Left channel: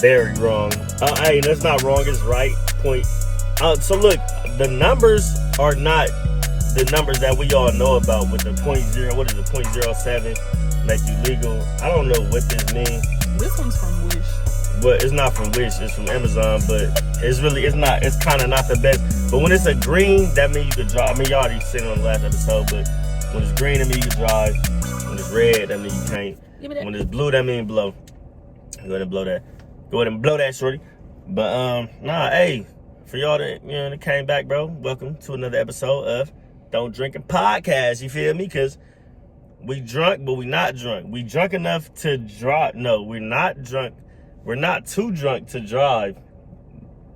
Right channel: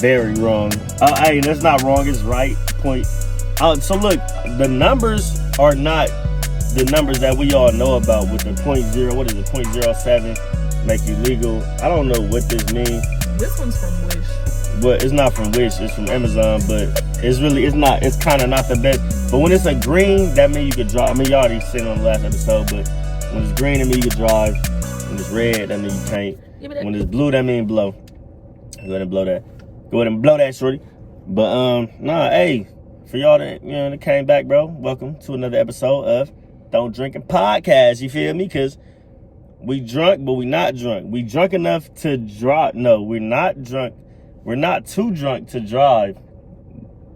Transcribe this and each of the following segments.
very wrong. Hey, that's not wrong. It's right. Point. So look, the numbers are not the numbers that we all know about with the 0.0. What is it? 0.07 make you legal. I don't know what this means. This one's from Wish. But it's not from Wish. It's from Amazon. But it's not. It's kind of not the best. But when it's a green, that means you could drive. I mean, y'all already seen on the last episode. But when it's green, that means you can drive. When it's red, that means you can't. When it's blue, that means blow. Go ahead and blow that. Go ahead and blow that, shorty. But hey, for y'all that came back, bro, welcome to another episode of Don't Drinking Podcast. You feel me? Cause we drunk, but we not drunk. We drunk enough to drive. No, we're not drunk. We're not too drunk to drive,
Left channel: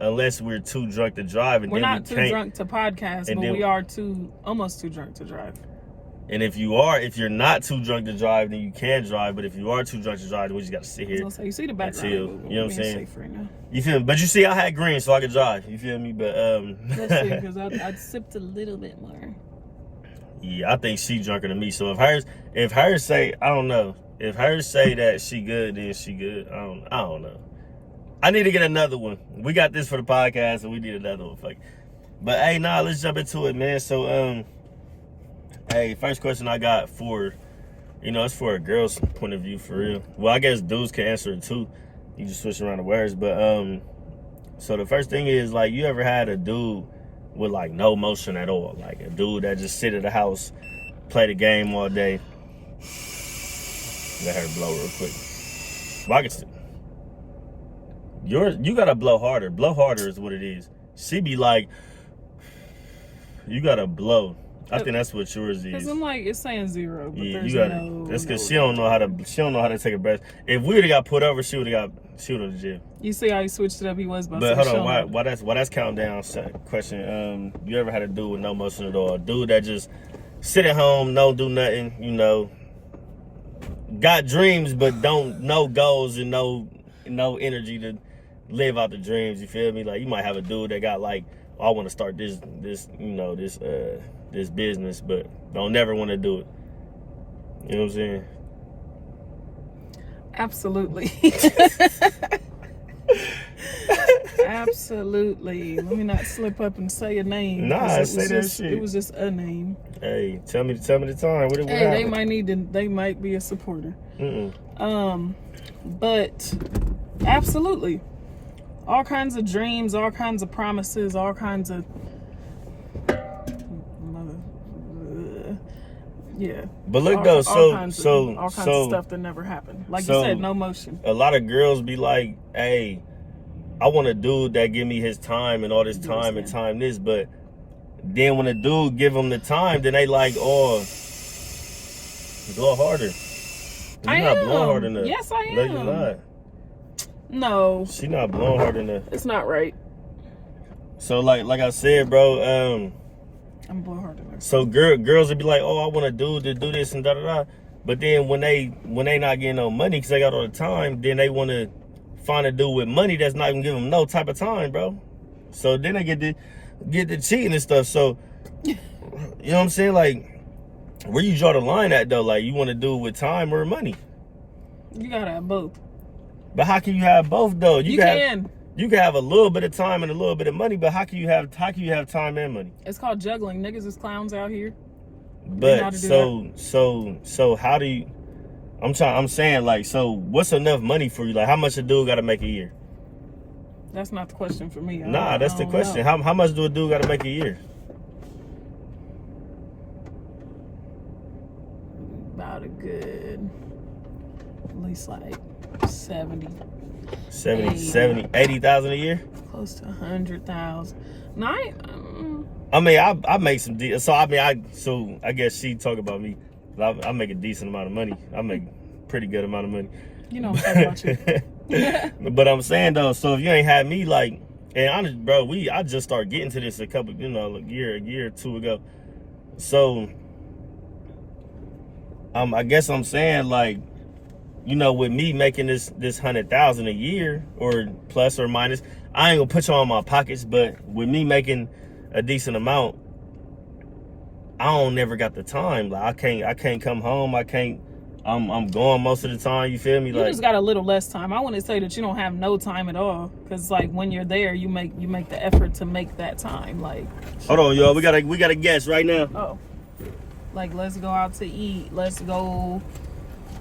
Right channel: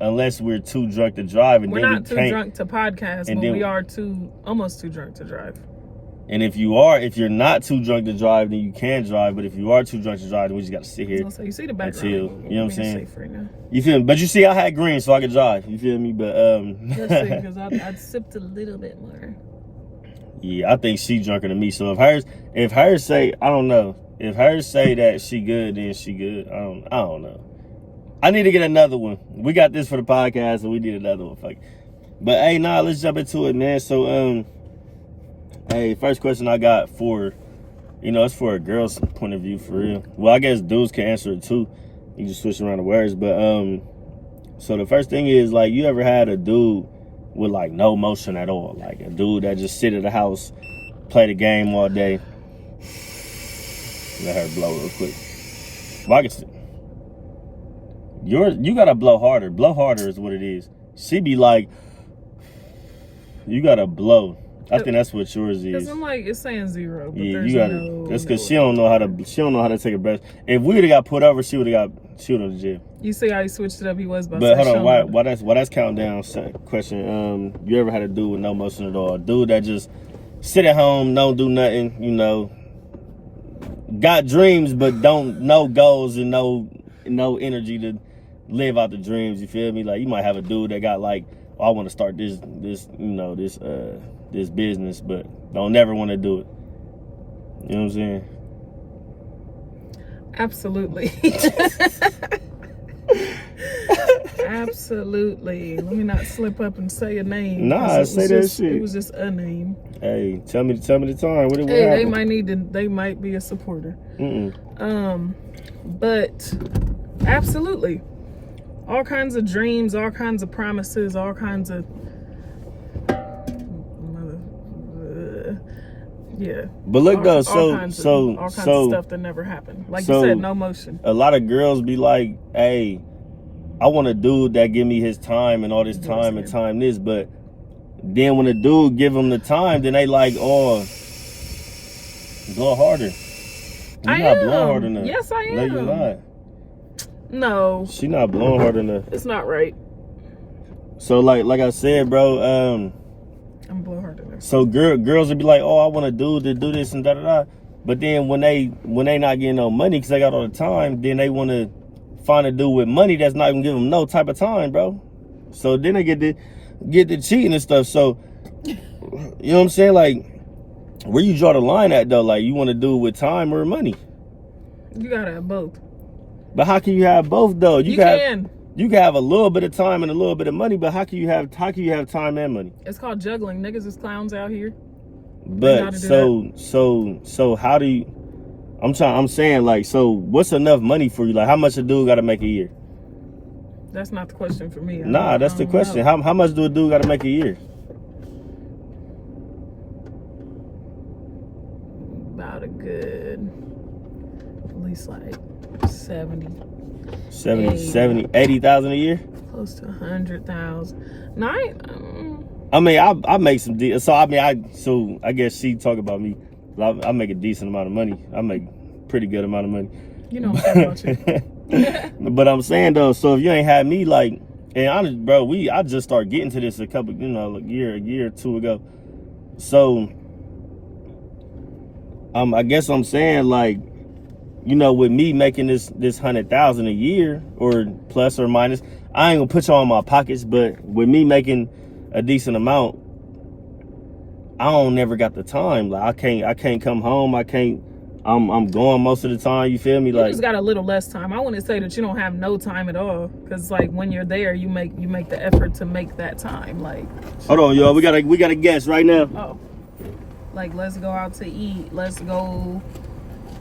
unless we're too drunk to drive. And we're then not too drunk to podcast, but we are almost too drunk to drive. And if you're not too drunk to drive, then you can drive. But if you are too drunk to drive, then we just got to sit here. So you see the background. You know what I'm saying? Safe right now. You feel me? But you see, I had green, so I could drive. You feel me? But Let's see, because I sipped a little bit more. Yeah, I think she drunker than me. So if hers say, I don't know. If hers say that she good, then she good. I don't know. I need to get another one. We got this for the podcast, so we need another one. Fuck. But hey, let's jump into it, man. So hey, first question I got it's for a girl's point of view, for real. Well, I guess dudes can answer it too. You just switch around the words. But so the first thing is, like, you ever had a dude with like no motion at all? Like a dude that just sit at the house, play the game all day. Let her blow real quick. Well, you gotta blow harder. Blow harder is what it is. She be like, you gotta blow. I think that's what yours is. Cause I'm like, it's saying 0, but yeah, there's you gotta. no. That's because she don't know how to take a breath. If we would've got put over, she would've got to jail. You see how he switched it up? He was about But to hold on, why that's countdown question? You ever had a dude with no motion at all? A dude that just sit at home, don't do nothing, got dreams but don't no goals and no energy to live out the dreams. You feel me? Like, you might have a dude that got like, I want to start this business, but don't never want to do it. You know what I'm saying? Absolutely. Absolutely. Let me not slip up and say a name. Nah, say that shit. It was just a name. Hey, tell me the time. What hey, they might be a supporter. But absolutely. All kinds of dreams, all kinds of promises, all kinds of yeah. But look though, all kinds of stuff that never happened. Like you said, no motion. A lot of girls be like, hey, I want a dude that give me his time and all this time and time this, but then when a dude give them the time, then they like, oh, blow harder. You're not blowing hard enough. Yes, I am. No, you're not. No. She not blowing hard enough. It's not right. So like I said, bro, I'm blowing hard enough. So girls would be like, oh, I want a dude to do this and da da da. But then when they not getting no money because they got all the time, then they want to find a dude with money that's not even giving them no type of time, bro. So then they get the cheating and stuff. So you know what I'm saying? Like, where you draw the line at though? Like, you want to do with time or money? You gotta have both. But how can you have both though? You can have a little bit of time and a little bit of money, but how can you have time and money? It's called juggling. Niggas is clowns out here. But so how do you? I'm saying, like, so what's enough money for you? Like, how much a dude got to make a year? That's not the question for me. That's the question. How much do a dude got to make a year? About a good, at least like 80,000 a year? Close to 100,000. No, I mean, I make some so I guess she talk about me. I make a decent amount of money. I make pretty good amount of money. You know what I'm talking about you. But I'm saying though, so if you ain't had me, like, and honest, bro, I just started getting to this a year or two ago. So I guess I'm saying, like, with me making this 100,000 a year or plus or minus, I ain't gonna put you all in my pockets, but with me making a decent amount, I don't never got the time. Like, I can't come home. I can't I'm gone most of the time. You feel me? You just got a little less time. I wouldn't say that you don't have no time at all, because like when you're there, you make the effort to make that time. Like, hold on, y'all. We got a guest right now. Oh, like let's go out to eat. Let's go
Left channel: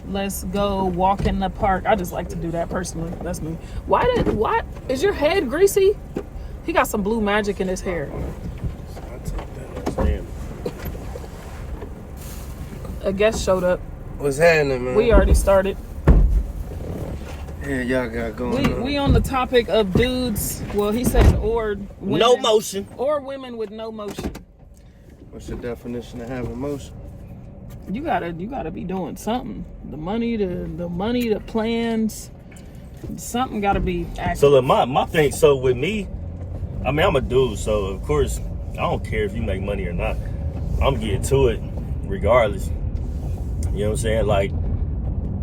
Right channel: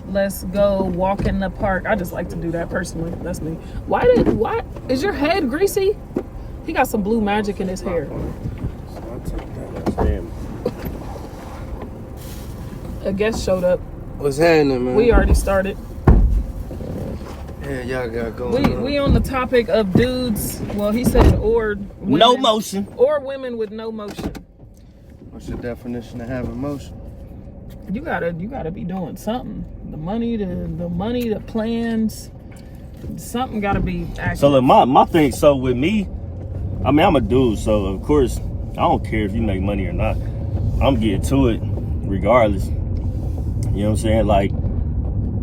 walk in the park. I just like to do that personally. That's me. Why is your head greasy? He got some blue magic in his hair. A guest showed up. What's happening, man? We already started. Yeah, y'all got going We on the topic of dudes. Well, he said or women, no motion, or women with no motion. What's the definition of having motion? You gotta be doing something. The money, the plans. Something gotta be active. So look, my thing. So with me, I mean, I'm a dude, so of course I don't care if you make money or not. I'm getting to it regardless. You know what I'm saying? Like,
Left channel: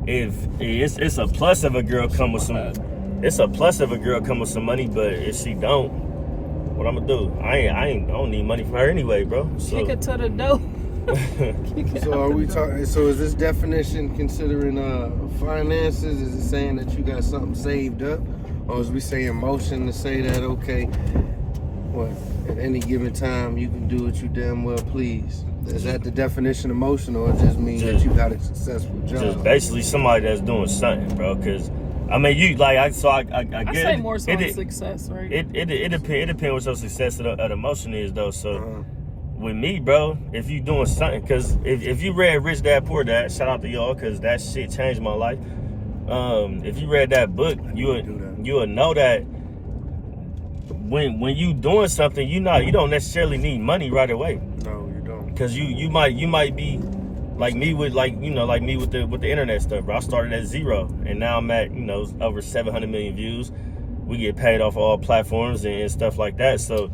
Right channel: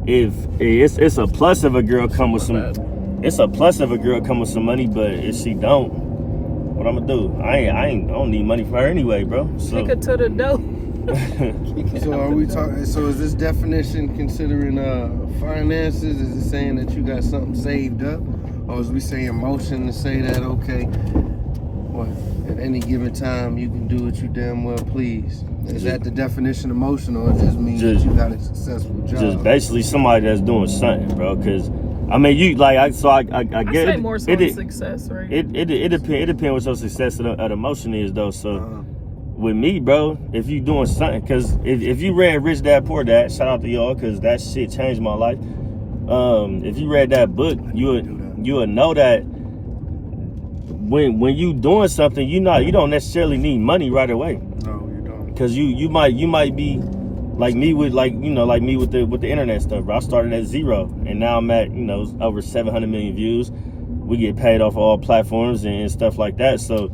if it's a plus if a girl come with some, it's a plus if a girl come with some money. But if she don't, what I'm gonna do? I don't need money for her anyway, bro. So. Kick her to the door. So are we talking? So is this definition considering finances? Is it saying that you got something saved up, or is we saying emotion to say that okay, what at any given time you can do what you damn well please? Is that the definition of emotion, or it just means that you got a successful job? Just basically somebody that's doing something, bro. Because I mean, you like I I get say more so than success, right? It depends what your success of the emotion is though. So. With me, bro, if you doing something, because if you read Rich Dad Poor Dad, shout out to y'all, because that shit changed my life. If you read that book, you'll know that when you doing something, you don't necessarily need money right away. No, you don't. Because you might be like me with the internet stuff, bro. I started at 0, and now I'm at over 700 million views. We get paid off all platforms and stuff like that. So.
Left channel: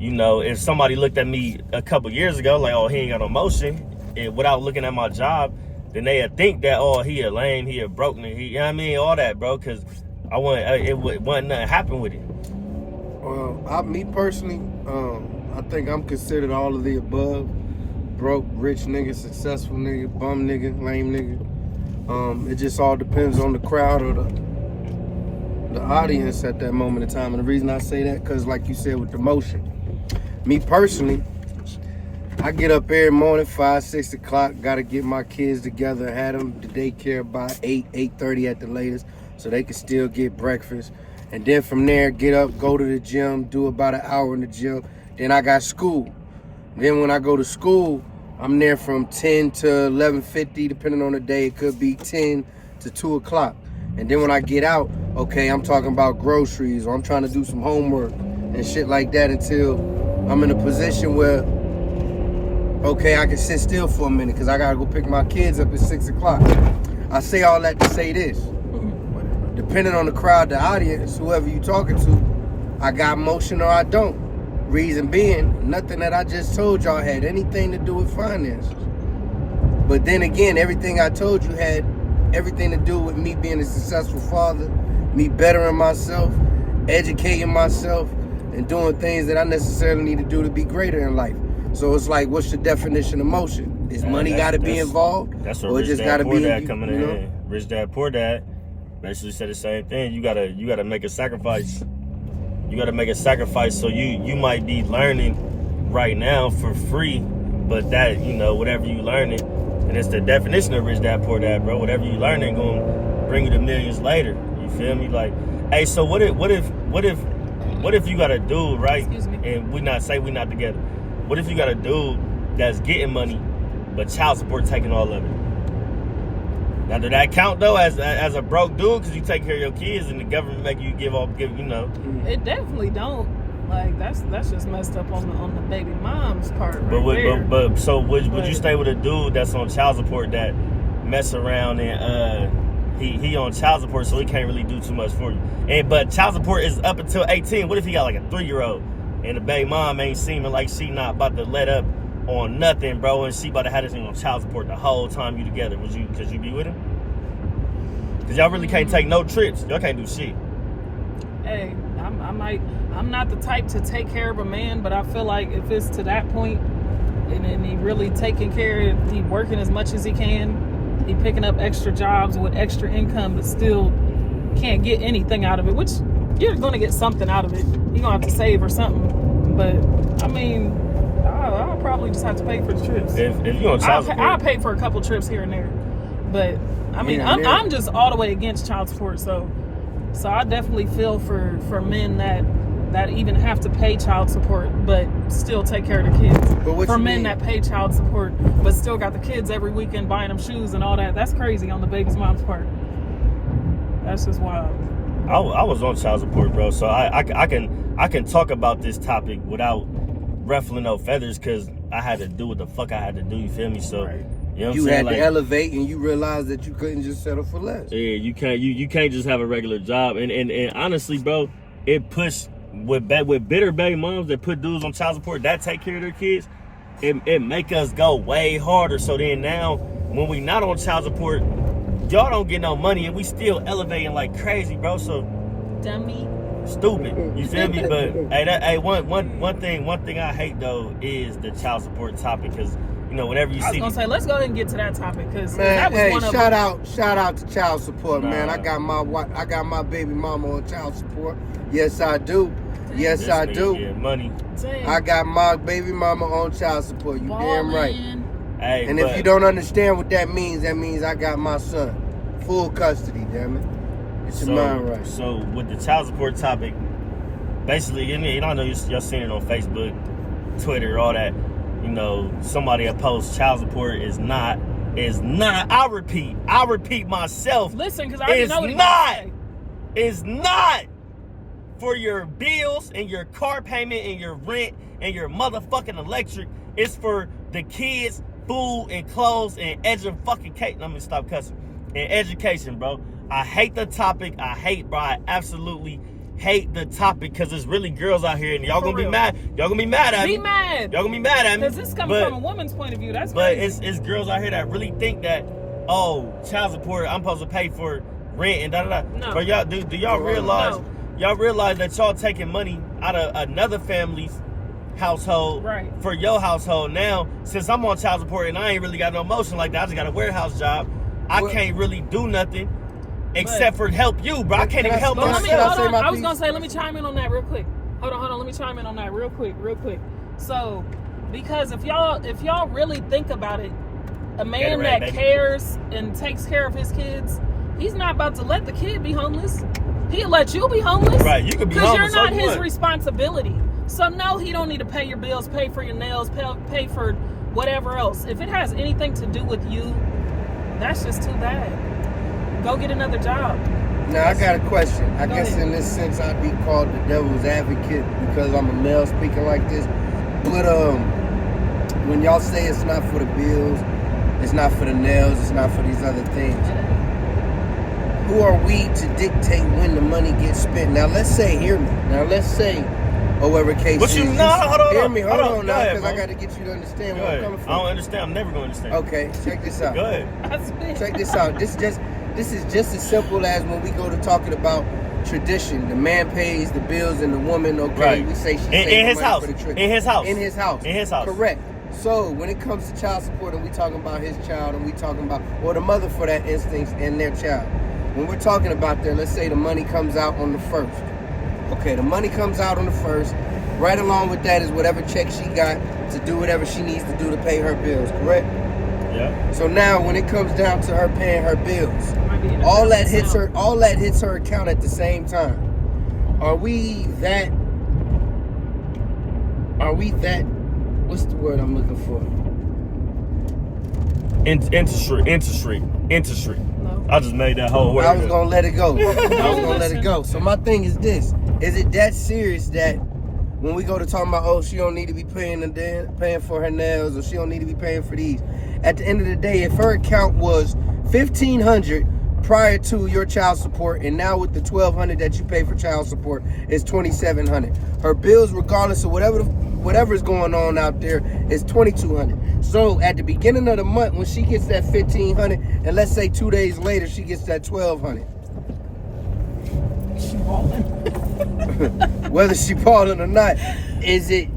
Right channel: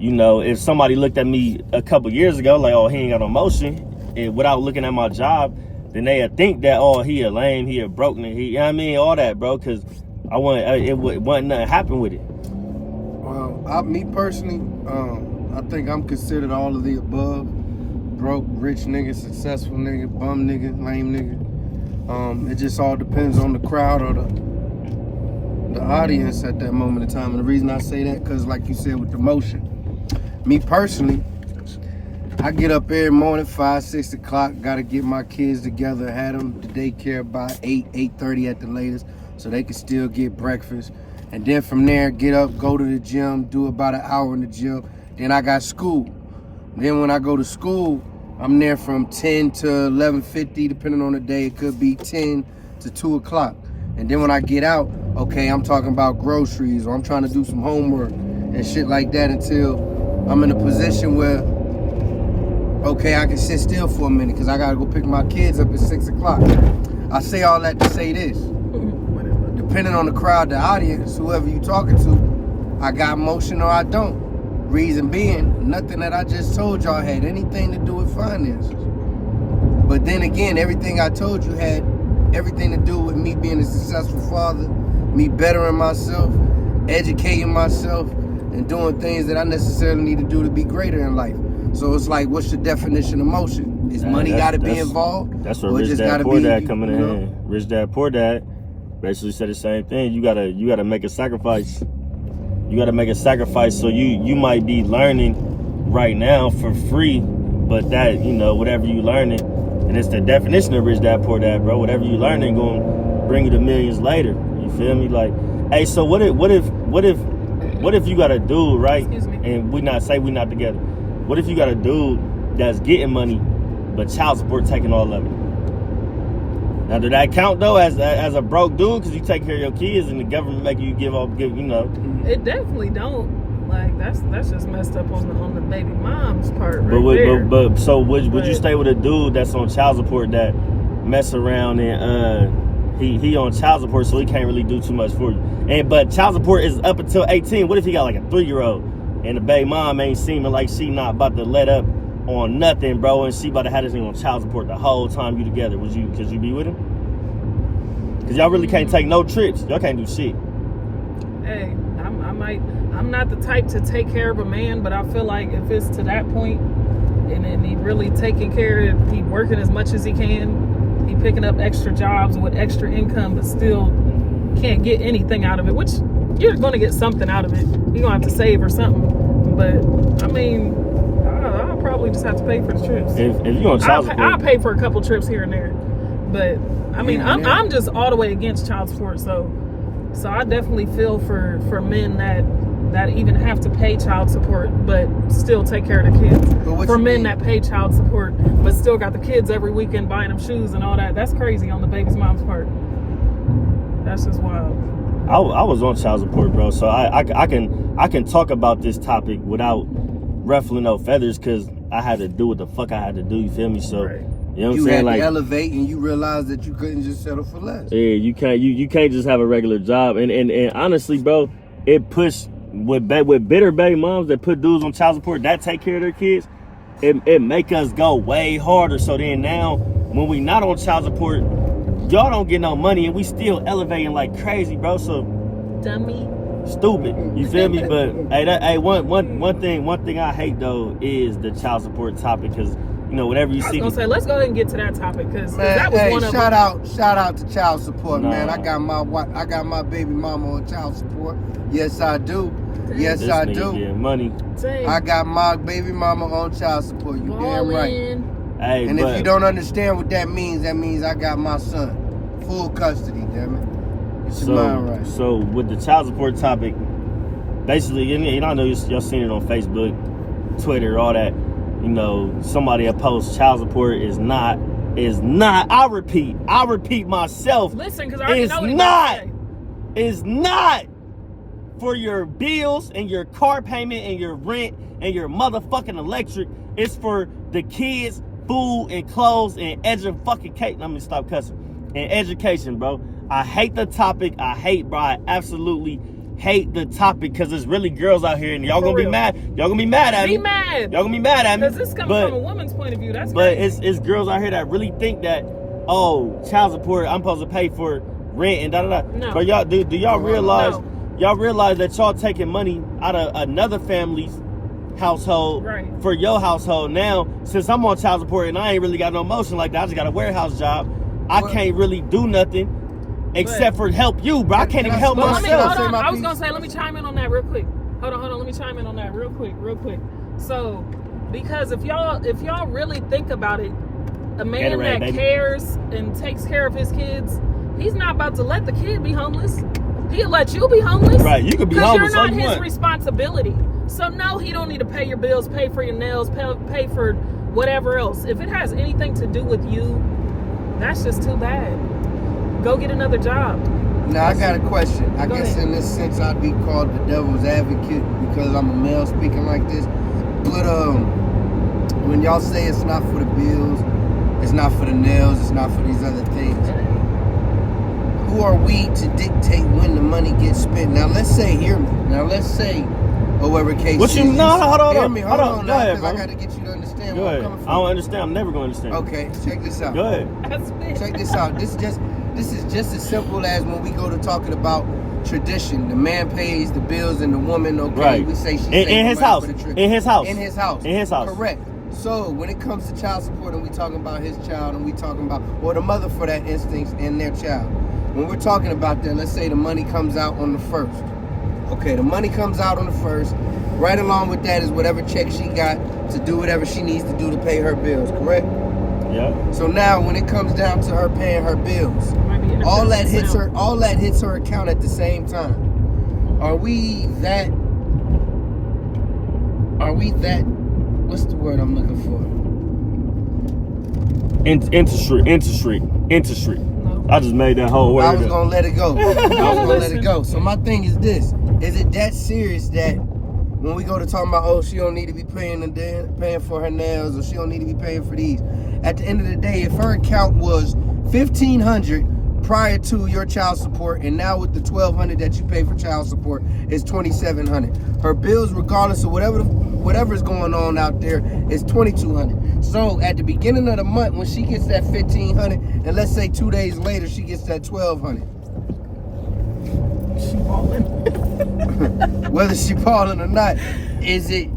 If somebody looked at me a couple years ago, like, oh, he ain't got no motion, and without looking at my job, then they'd think that, oh, he a lame, he a broken, you know what I mean, all that, bro, because it wasn't nothing happen with it. Well, me personally, I think I'm considered all of the above. Broke, rich nigga, successful nigga, bum nigga, lame nigga. It just all depends on the crowd or the audience at that moment in time. And the reason I say that, because like you said with the motion, me personally, I get up every morning, 5, 6 o'clock, got to get my kids together, had them to daycare by 8:30 at the latest, so they can still get breakfast. And then from there, get up, go to the gym, do about an hour in the gym. Then I got school. Then when I go to school, I'm there from 10 to 11:50, depending on the day. It could be 10 to 2 o'clock. And then when I get out, okay, I'm talking about groceries, or I'm trying to do some homework and shit like that until I'm in a position where, okay, I can sit still for a minute because I got to go pick my kids up at 6 o'clock. I say all that to say this. Depending on the crowd, the audience, whoever you talking to, I got motion or I don't. Reason being, nothing that I just told y'all had anything to do with finances. But then again, everything I told you had everything to do with me being a successful father, me bettering myself, educating myself, and doing things that I necessarily need to do to be greater in life. So it's like, what's the definition of motion? Is money got to be involved? That's what Rich Dad Poor Dad coming in. Rich Dad Poor Dad basically said the same thing. You gotta make a sacrifice. You gotta make a sacrifice. So you might be learning right now for free, but that whatever you learning, and it's the definition of Rich Dad Poor Dad, bro. Whatever you learning gonna bring you to millions later. You feel me? Like, hey, so what if you got a dude, right? And we not together. What if you got a dude that's getting money, but child support taking all of it? Now, did that count though as a broke dude because you take care of your kids and the government make you give? It definitely don't. Like that's just messed up on the baby mom's part. But so would you stay with a dude that's on child support that mess around and he on child support, so he can't really do too much for you? But child support is up until 18. What if he got like a 3-year-old and the baby mom ain't seeming like she not about to let up on nothing, bro, and she about to have this thing on child support the whole time you together? Could you be with him? Because y'all really can't take no trips. Y'all can't do shit. Hey, I'm not the type to take care of a man, but I feel like if it's to that point and he really taking care of, he working as much as he can, He picking up extra jobs with extra income, but still can't get anything out of it, which you're going to get something out of it. You're going to have to save or something. But, I mean, I'll probably just have to pay for the trips. If you're on child support, I'll pay for a couple trips here and there. But, I mean, I'm just all the way against child support. So I definitely feel for men that even have to pay child support but still take care of the kids. But for men that pay child support but still got the kids every weekend buying them shoes and all that, that's crazy on the baby's mom's part. That's just wild. I was on child support, bro, so I can talk about this topic without ruffling no feathers, because I had to do what the fuck I had to do, you feel me? So right. You know what you I'm saying? had to elevate, and you realized that you couldn't just settle for less. Yeah, you can't just have a regular job. And honestly, bro, it pushed with bitter baby moms that put dudes on child support that take care of their kids. It make us go way harder. So then now, when we not on child support, y'all don't get no money, and we still elevating like crazy, bro. So dummy, stupid. You feel me? But one thing I hate though is the child support topic, because you know, whenever you see. I was gonna say, let's go ahead and get to that topic, because man, that was shout out to child support, man. I got my baby mama on child support. Yes, I do. Yes, I do. Money. I got my baby mama on child support. You damn right. Hey, and if you don't understand what that means I got my son full custody. Damn it, it's your mind right. So with the child support topic, basically, and I know y'all seen it on Facebook, Twitter, all that. You know, somebody opposed child support is not. I'll repeat myself. Listen, because I already know what it's not for your bills and your car payment and your rent and your motherfucking electric. It's for the kids, food and clothes and education. Let me stop cussing. And education, bro. I hate the topic. I absolutely hate the topic, because there's really girls out here, and y'all gonna be mad. Y'all gonna be mad at me. Be mad. Y'all gonna be mad at me. Because this comes from a woman's point of view. That's but crazy. it's girls out here that really think that, oh, child support, I'm supposed to pay for rent and da da da. No. But y'all do y'all realize? No. Y'all realize that y'all taking money out of another family's household for your household. Now, since I'm on child support and I ain't really got no motion like that, I just got a warehouse job. I can't really do nothing except for help you, bro. I can't even help myself. I was gonna say, let me chime in on that real quick. Hold on. Let me chime in on that real quick. So, because if y'all really think about it, a man that cares and takes care of his kids, he's not about to let the kid be homeless. He'll let you be homeless. Right, you could be homeless. Because you're not his responsibility. So no, he don't need to pay your bills, pay for your nails, pay for whatever else. If it has anything to do with you, that's just too bad. Go get another job. Now I got a question. I guess in this sense I'd be called the devil's advocate because I'm a male speaking like this. But when y'all say it's not for the bills, it's not for the nails, it's not for these other things, who are we to dictate when the money gets spent? Now let's say, hear me. Now let's say, whatever case is. Hold on. Hear me, hold on now, because I got to get you to understand where I'm coming from. I don't understand. I'm never going to understand. Okay, check this out. Go ahead. Check this out. This is just as simple as when we go to talking about tradition. The man pays the bills and the woman, we say she saved money for the trip. In his house. In his house. Correct. So when it comes to child support and we talking about his child and we talking about, or the mother for that instance and their child. When we're talking about that, let's say the money comes out on the 1st. Okay, the money comes out on the 1st. Right along with that is whatever check she got to do whatever she needs to do to pay her bills, correct? Yeah. So now when it comes down to her paying her bills, all that hits her account at the same time. Are we that what's the word I'm looking for? Interest rate. No. I just made that whole word. I was gonna let it go. So my thing is this: is it that serious that when we go to talking about, she don't need to be paying for her nails, or she don't need to be paying for these? At the end of the day, if her account was $1,500 prior to your child support, and now with the $1,200 that you pay for child support is $2,700. Her bills, regardless of whatever is going on out there, is $2,200. So at the beginning of the month, when she gets that $1,500, and let's say 2 days later she gets that $1,200. She balling. Whether she balling or not, is it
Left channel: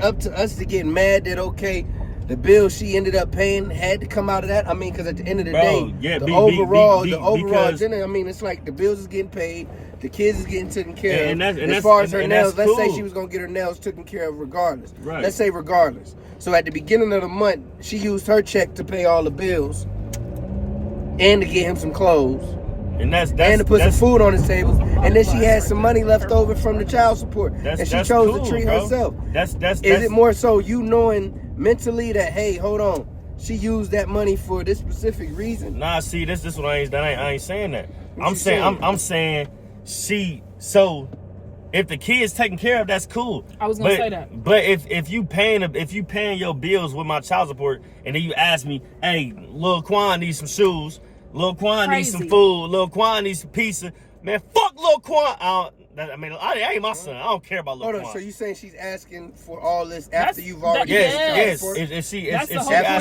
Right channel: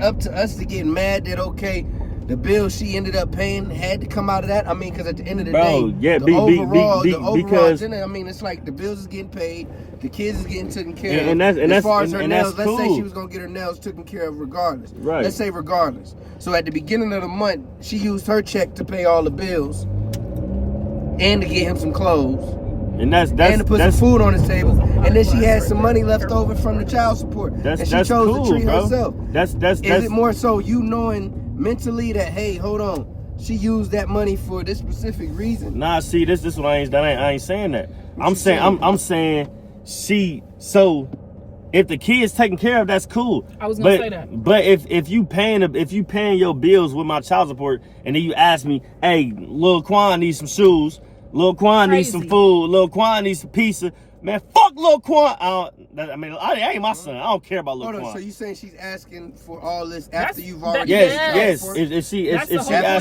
up to us to get mad that the bill she ended up paying had to come out of that. I mean, because at the end of the day, yeah, the overall because, agenda, I mean, it's like the bills is getting paid, the kids is getting taken care of. And as far as her nails, let's cool. say she was gonna get her nails taken care of regardless. Right. Let's say regardless. So at the beginning of the month, she used her check to pay all the bills and to get him some clothes. And to put some food on his table, and then she had some money left over from the child support, and she chose cool, to treat bro. herself. Is it more so you knowing mentally that, hey, hold on, she used that money for this specific reason? Nah, see, this what I ain't saying that. I'm saying she. So if the kid's taken care of, that's cool. I was gonna say that. But if you paying your bills with my child support, and then you ask me, hey, Lil Quan needs some shoes. Lil Quan needs some food. Lil Quan needs some pizza. Man, fuck Lil Quan. I ain't my son. I don't care about Lil Quan. Hold on, so you saying she's asking for all this after you've already yes. After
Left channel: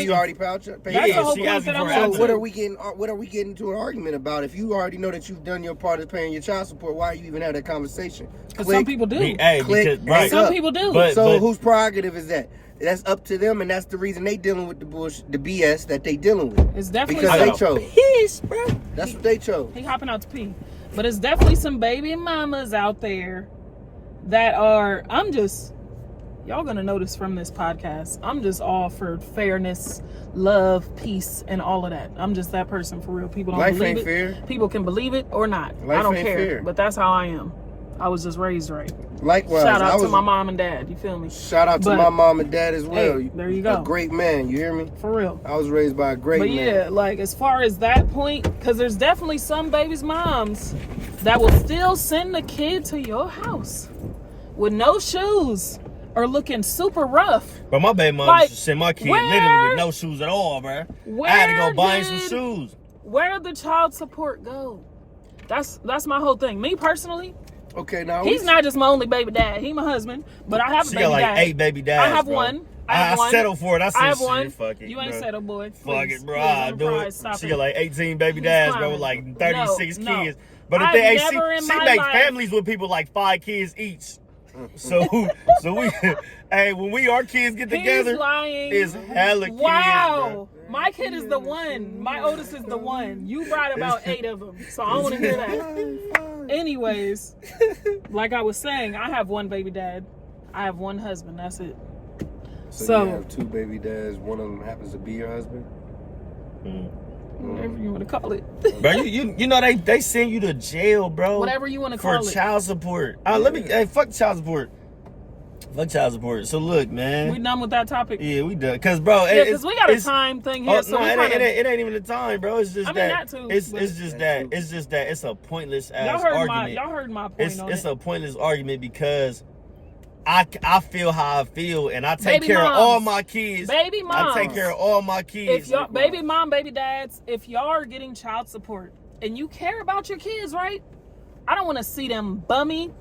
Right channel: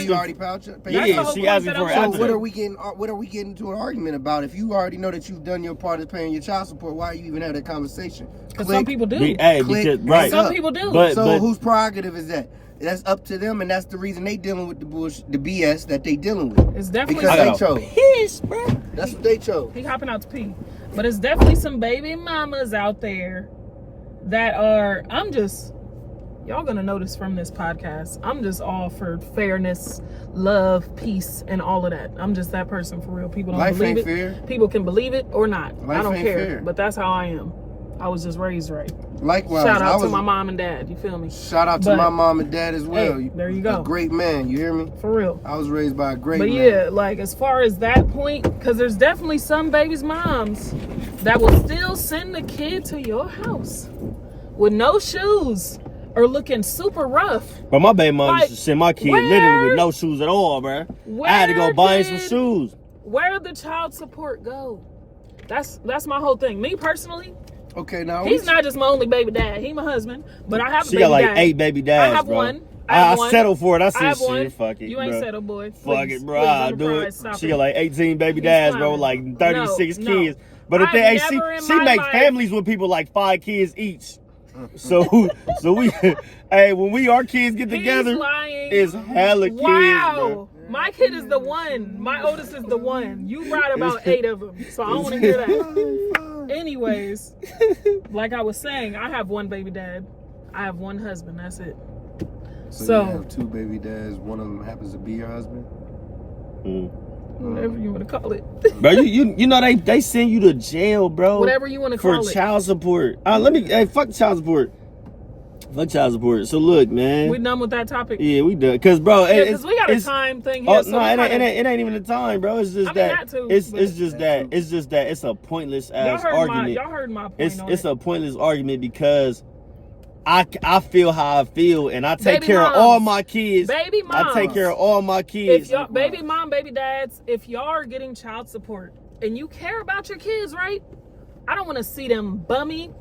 you already paid? Yeah, she asking for it. So what are we getting to an argument about? If you already know that you've done your part of paying your child support, why are you even have that conversation? Because some people do. Right. Some people do. But whose prerogative is that? That's up to them, and that's the reason they dealing with the bullshit, the BS that they dealing with. It's definitely because they chose. Piss, bro. That's what they chose. He hopping out to pee, but it's definitely some baby mamas out there that are. Y'all gonna notice from this podcast, I'm just all for fairness, love, peace, and all of that. I'm just that person for real. People don't believe it. Fair. People can believe it or not. Life I don't ain't care. fair. But that's how I am. I was just raised right. Likewise, shout out to my mom and dad. You feel me? Shout out to my mom and dad as well. Hey, there you go. A great man. You hear me? For real. I was raised by a great man. But yeah, like as far as that point, because there's definitely some babies' moms that will still send the kid to your house with no shoes or looking super rough. But my baby mom used to send my kid literally with no shoes at all, bro. I had to go buy him some shoes. Where did the child support go? That's my whole thing. Me personally. Okay, now he's not just my only baby dad. He's my husband, but I have a baby dad. She got like 8 baby dads. I have bro. one. I settled for it. I said, one. Fuck it. You ain't settled, boy. Fuck it, bro. I do it. She got like 18 baby dads, bro, like 36 kids. But the thing, she make families with people like 5 kids each. So we, hey, when our kids get together, it's hella kids. Wow, my kid is the one. My oldest is the one. You brought about 8 of them, so I don't want to hear that. Anyways, like I was saying, I have one baby dad. I have one husband. That's it. So you have 2 baby dads. One of them happens to be your husband. Whatever you want to call it. Bro, you know they send you to jail, bro. Whatever you want to call it. For child support. Fuck child support. Fuck child support. So look, man. We done with that topic? Yeah, we done. Cause bro, because we got a time thing here. No, it ain't even a time, bro. It's just it's just that it's a pointless ass argument. Y'all heard my point. It's a pointless argument because I feel how I feel, and I take care of all my kids. Baby moms. I take care of all my kids. If y'all, baby mom, baby dads, if y'all are getting child support and you care about your kids, right? I don't want to see them bummy.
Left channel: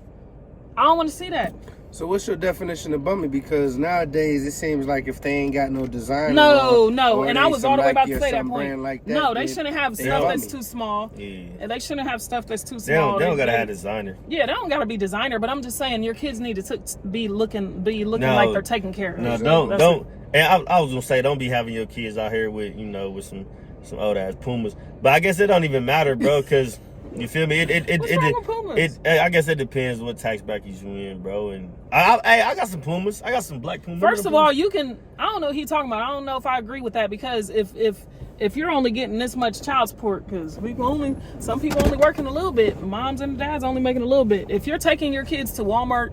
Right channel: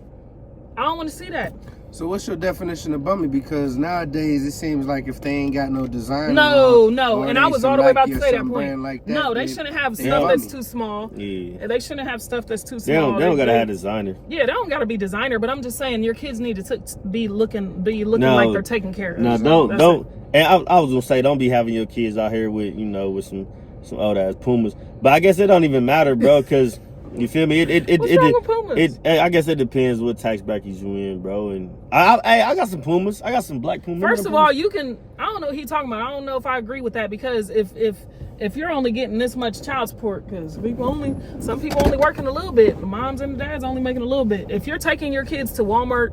I don't want to see that. So what's your definition of bummy? Because nowadays it seems like if they ain't got no design, no, and I was all the way about to say that point. Like that, no, they shouldn't have stuff that's too small. Yeah, they shouldn't have stuff that's too small. They don't gotta have designer. Yeah, they don't gotta be designer. But I'm just saying, your kids need to be looking like they're taken care of. No, don't. And I was gonna say, don't be having your kids out here with with some old ass Pumas. But I guess it don't even matter, bro, because. You feel me? What's wrong with Pumas? I guess it depends what tax bracket you in, bro. And I got some Pumas. I got some black Pumas. First of all, you can. I don't know what he's talking about. I don't know if I agree with that because if you're only getting this much child support, because some people only working a little bit. The moms and the dads only making a little bit. If you're taking your kids to Walmart,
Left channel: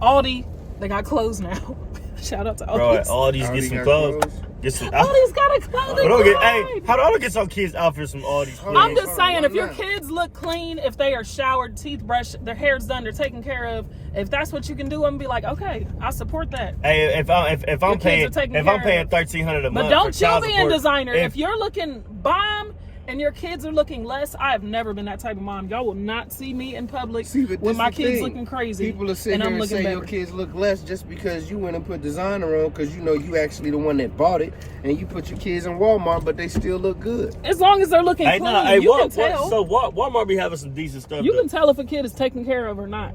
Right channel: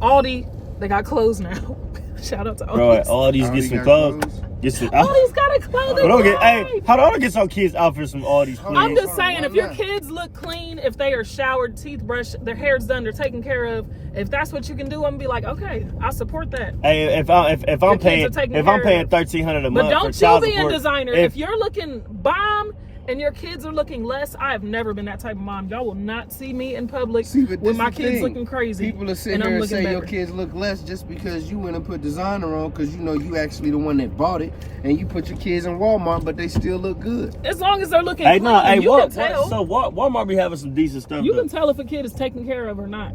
Aldi, they got clothes now. Shout out to Aldi. Bro, Aldi's get some clothes. Aldi's got a clothing line. How do I get some kids out for some Aldi's clothes? I'm just saying, if your kids look clean, if they are showered, teeth brushed, their hair's done, they're taken care of. If that's what you can do, I'm gonna be like, okay, I support that. Hey, if I'm paying $1,300 a month, but don't for child you be support, a designer. If you're looking bomb and your kids are looking less, I've never been that type of mom. Y'all will not see me in public with my kids looking crazy. People are sitting here and say your kids look less just because you went and put designer on, because you actually the one that bought it, and you put your kids in Walmart, but they still look good. As long as they're looking clean, you can tell. So Walmart be having some decent stuff. You can tell if a kid is taken care of or not.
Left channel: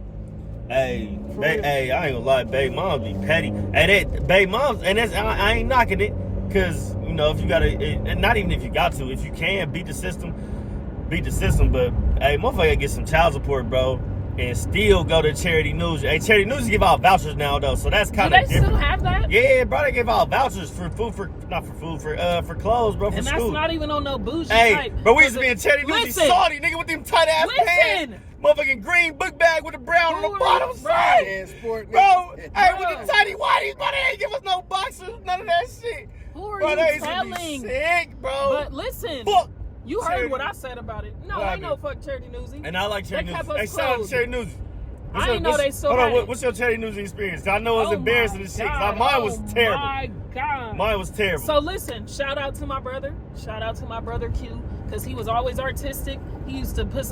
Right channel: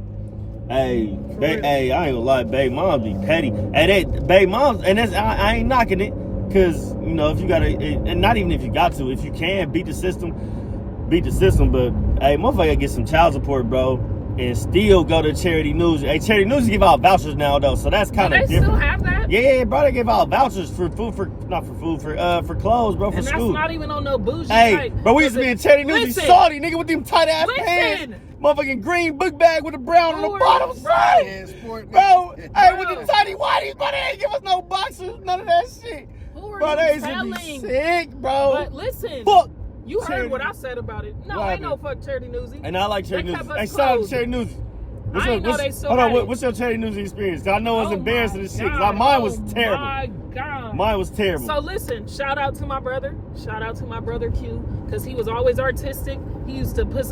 Hey, For real. hey, I ain't gonna lie, baby moms be petty. Hey, baby moms, and that's I ain't knocking it, cause you know if you gotta, and not even if you got to, if you can beat the system. But hey, motherfucker get some child support, bro, and still go to Charity News. Hey, Charity News give out vouchers now though, so that's kind of Do they different. still have that? Yeah, bro, they give out vouchers for food, for clothes, bro, for And that's school. not even on no bougie Hey, type. bro, we used to be in Charity News, Listen. salty nigga with them tight ass pants, Listen. motherfucking green book bag with the brown on the Lord, bottom bro. side. Yeah, sport, Bro, nigga. hey, with the tiny whiteys, bro, they ain't give us no boxes, none of that shit. Who are Bro, you they used to be telling? sick, bro. But listen, Fuck. you heard Charity. what I said about it. No, What ain't no happened? fuck Charity Newsy. And I like Charity They News. kept us Hey, shout out to closed. Charity News. I didn't know they still Hold had on, it. what's your Charity News experience? 'Cause I know it's Oh embarrassing my as shit. 'Cause God. mine was Oh terrible. my God. Mine was terrible. So listen, shout out to my brother. Shout out to my brother Q, because he was always artistic. He used to put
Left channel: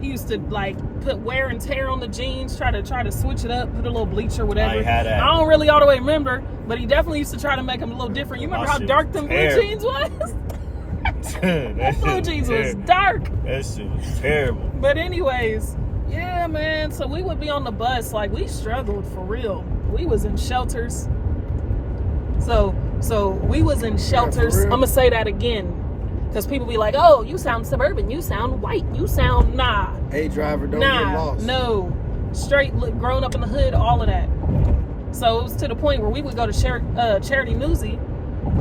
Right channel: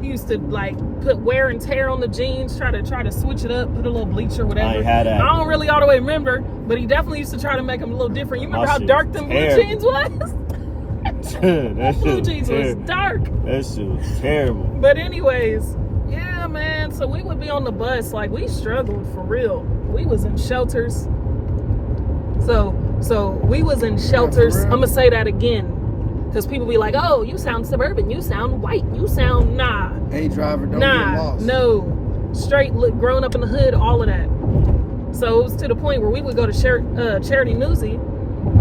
he used to like put wear and tear on the jeans, try to switch it up, put a little bleach or whatever. I ain't had that. I don't really all the way remember, but he definitely used to try to make them a little different. You My remember how shit dark was them blue terrible. jeans was? that shit Blue was jeans was terrible. dark. That shit was terrible. But anyways, yeah, man. So we would be on the bus, like we struggled for real. We was in shelters. So we was in shelters. real? I'm gonna say that again, because people be like, "Oh, you sound suburban. You sound white. You sound nah, Hey, driver, don't get nah, lost. no, straight grown up in the hood, all of that." So it was to the point where we would go to Charity Newsy,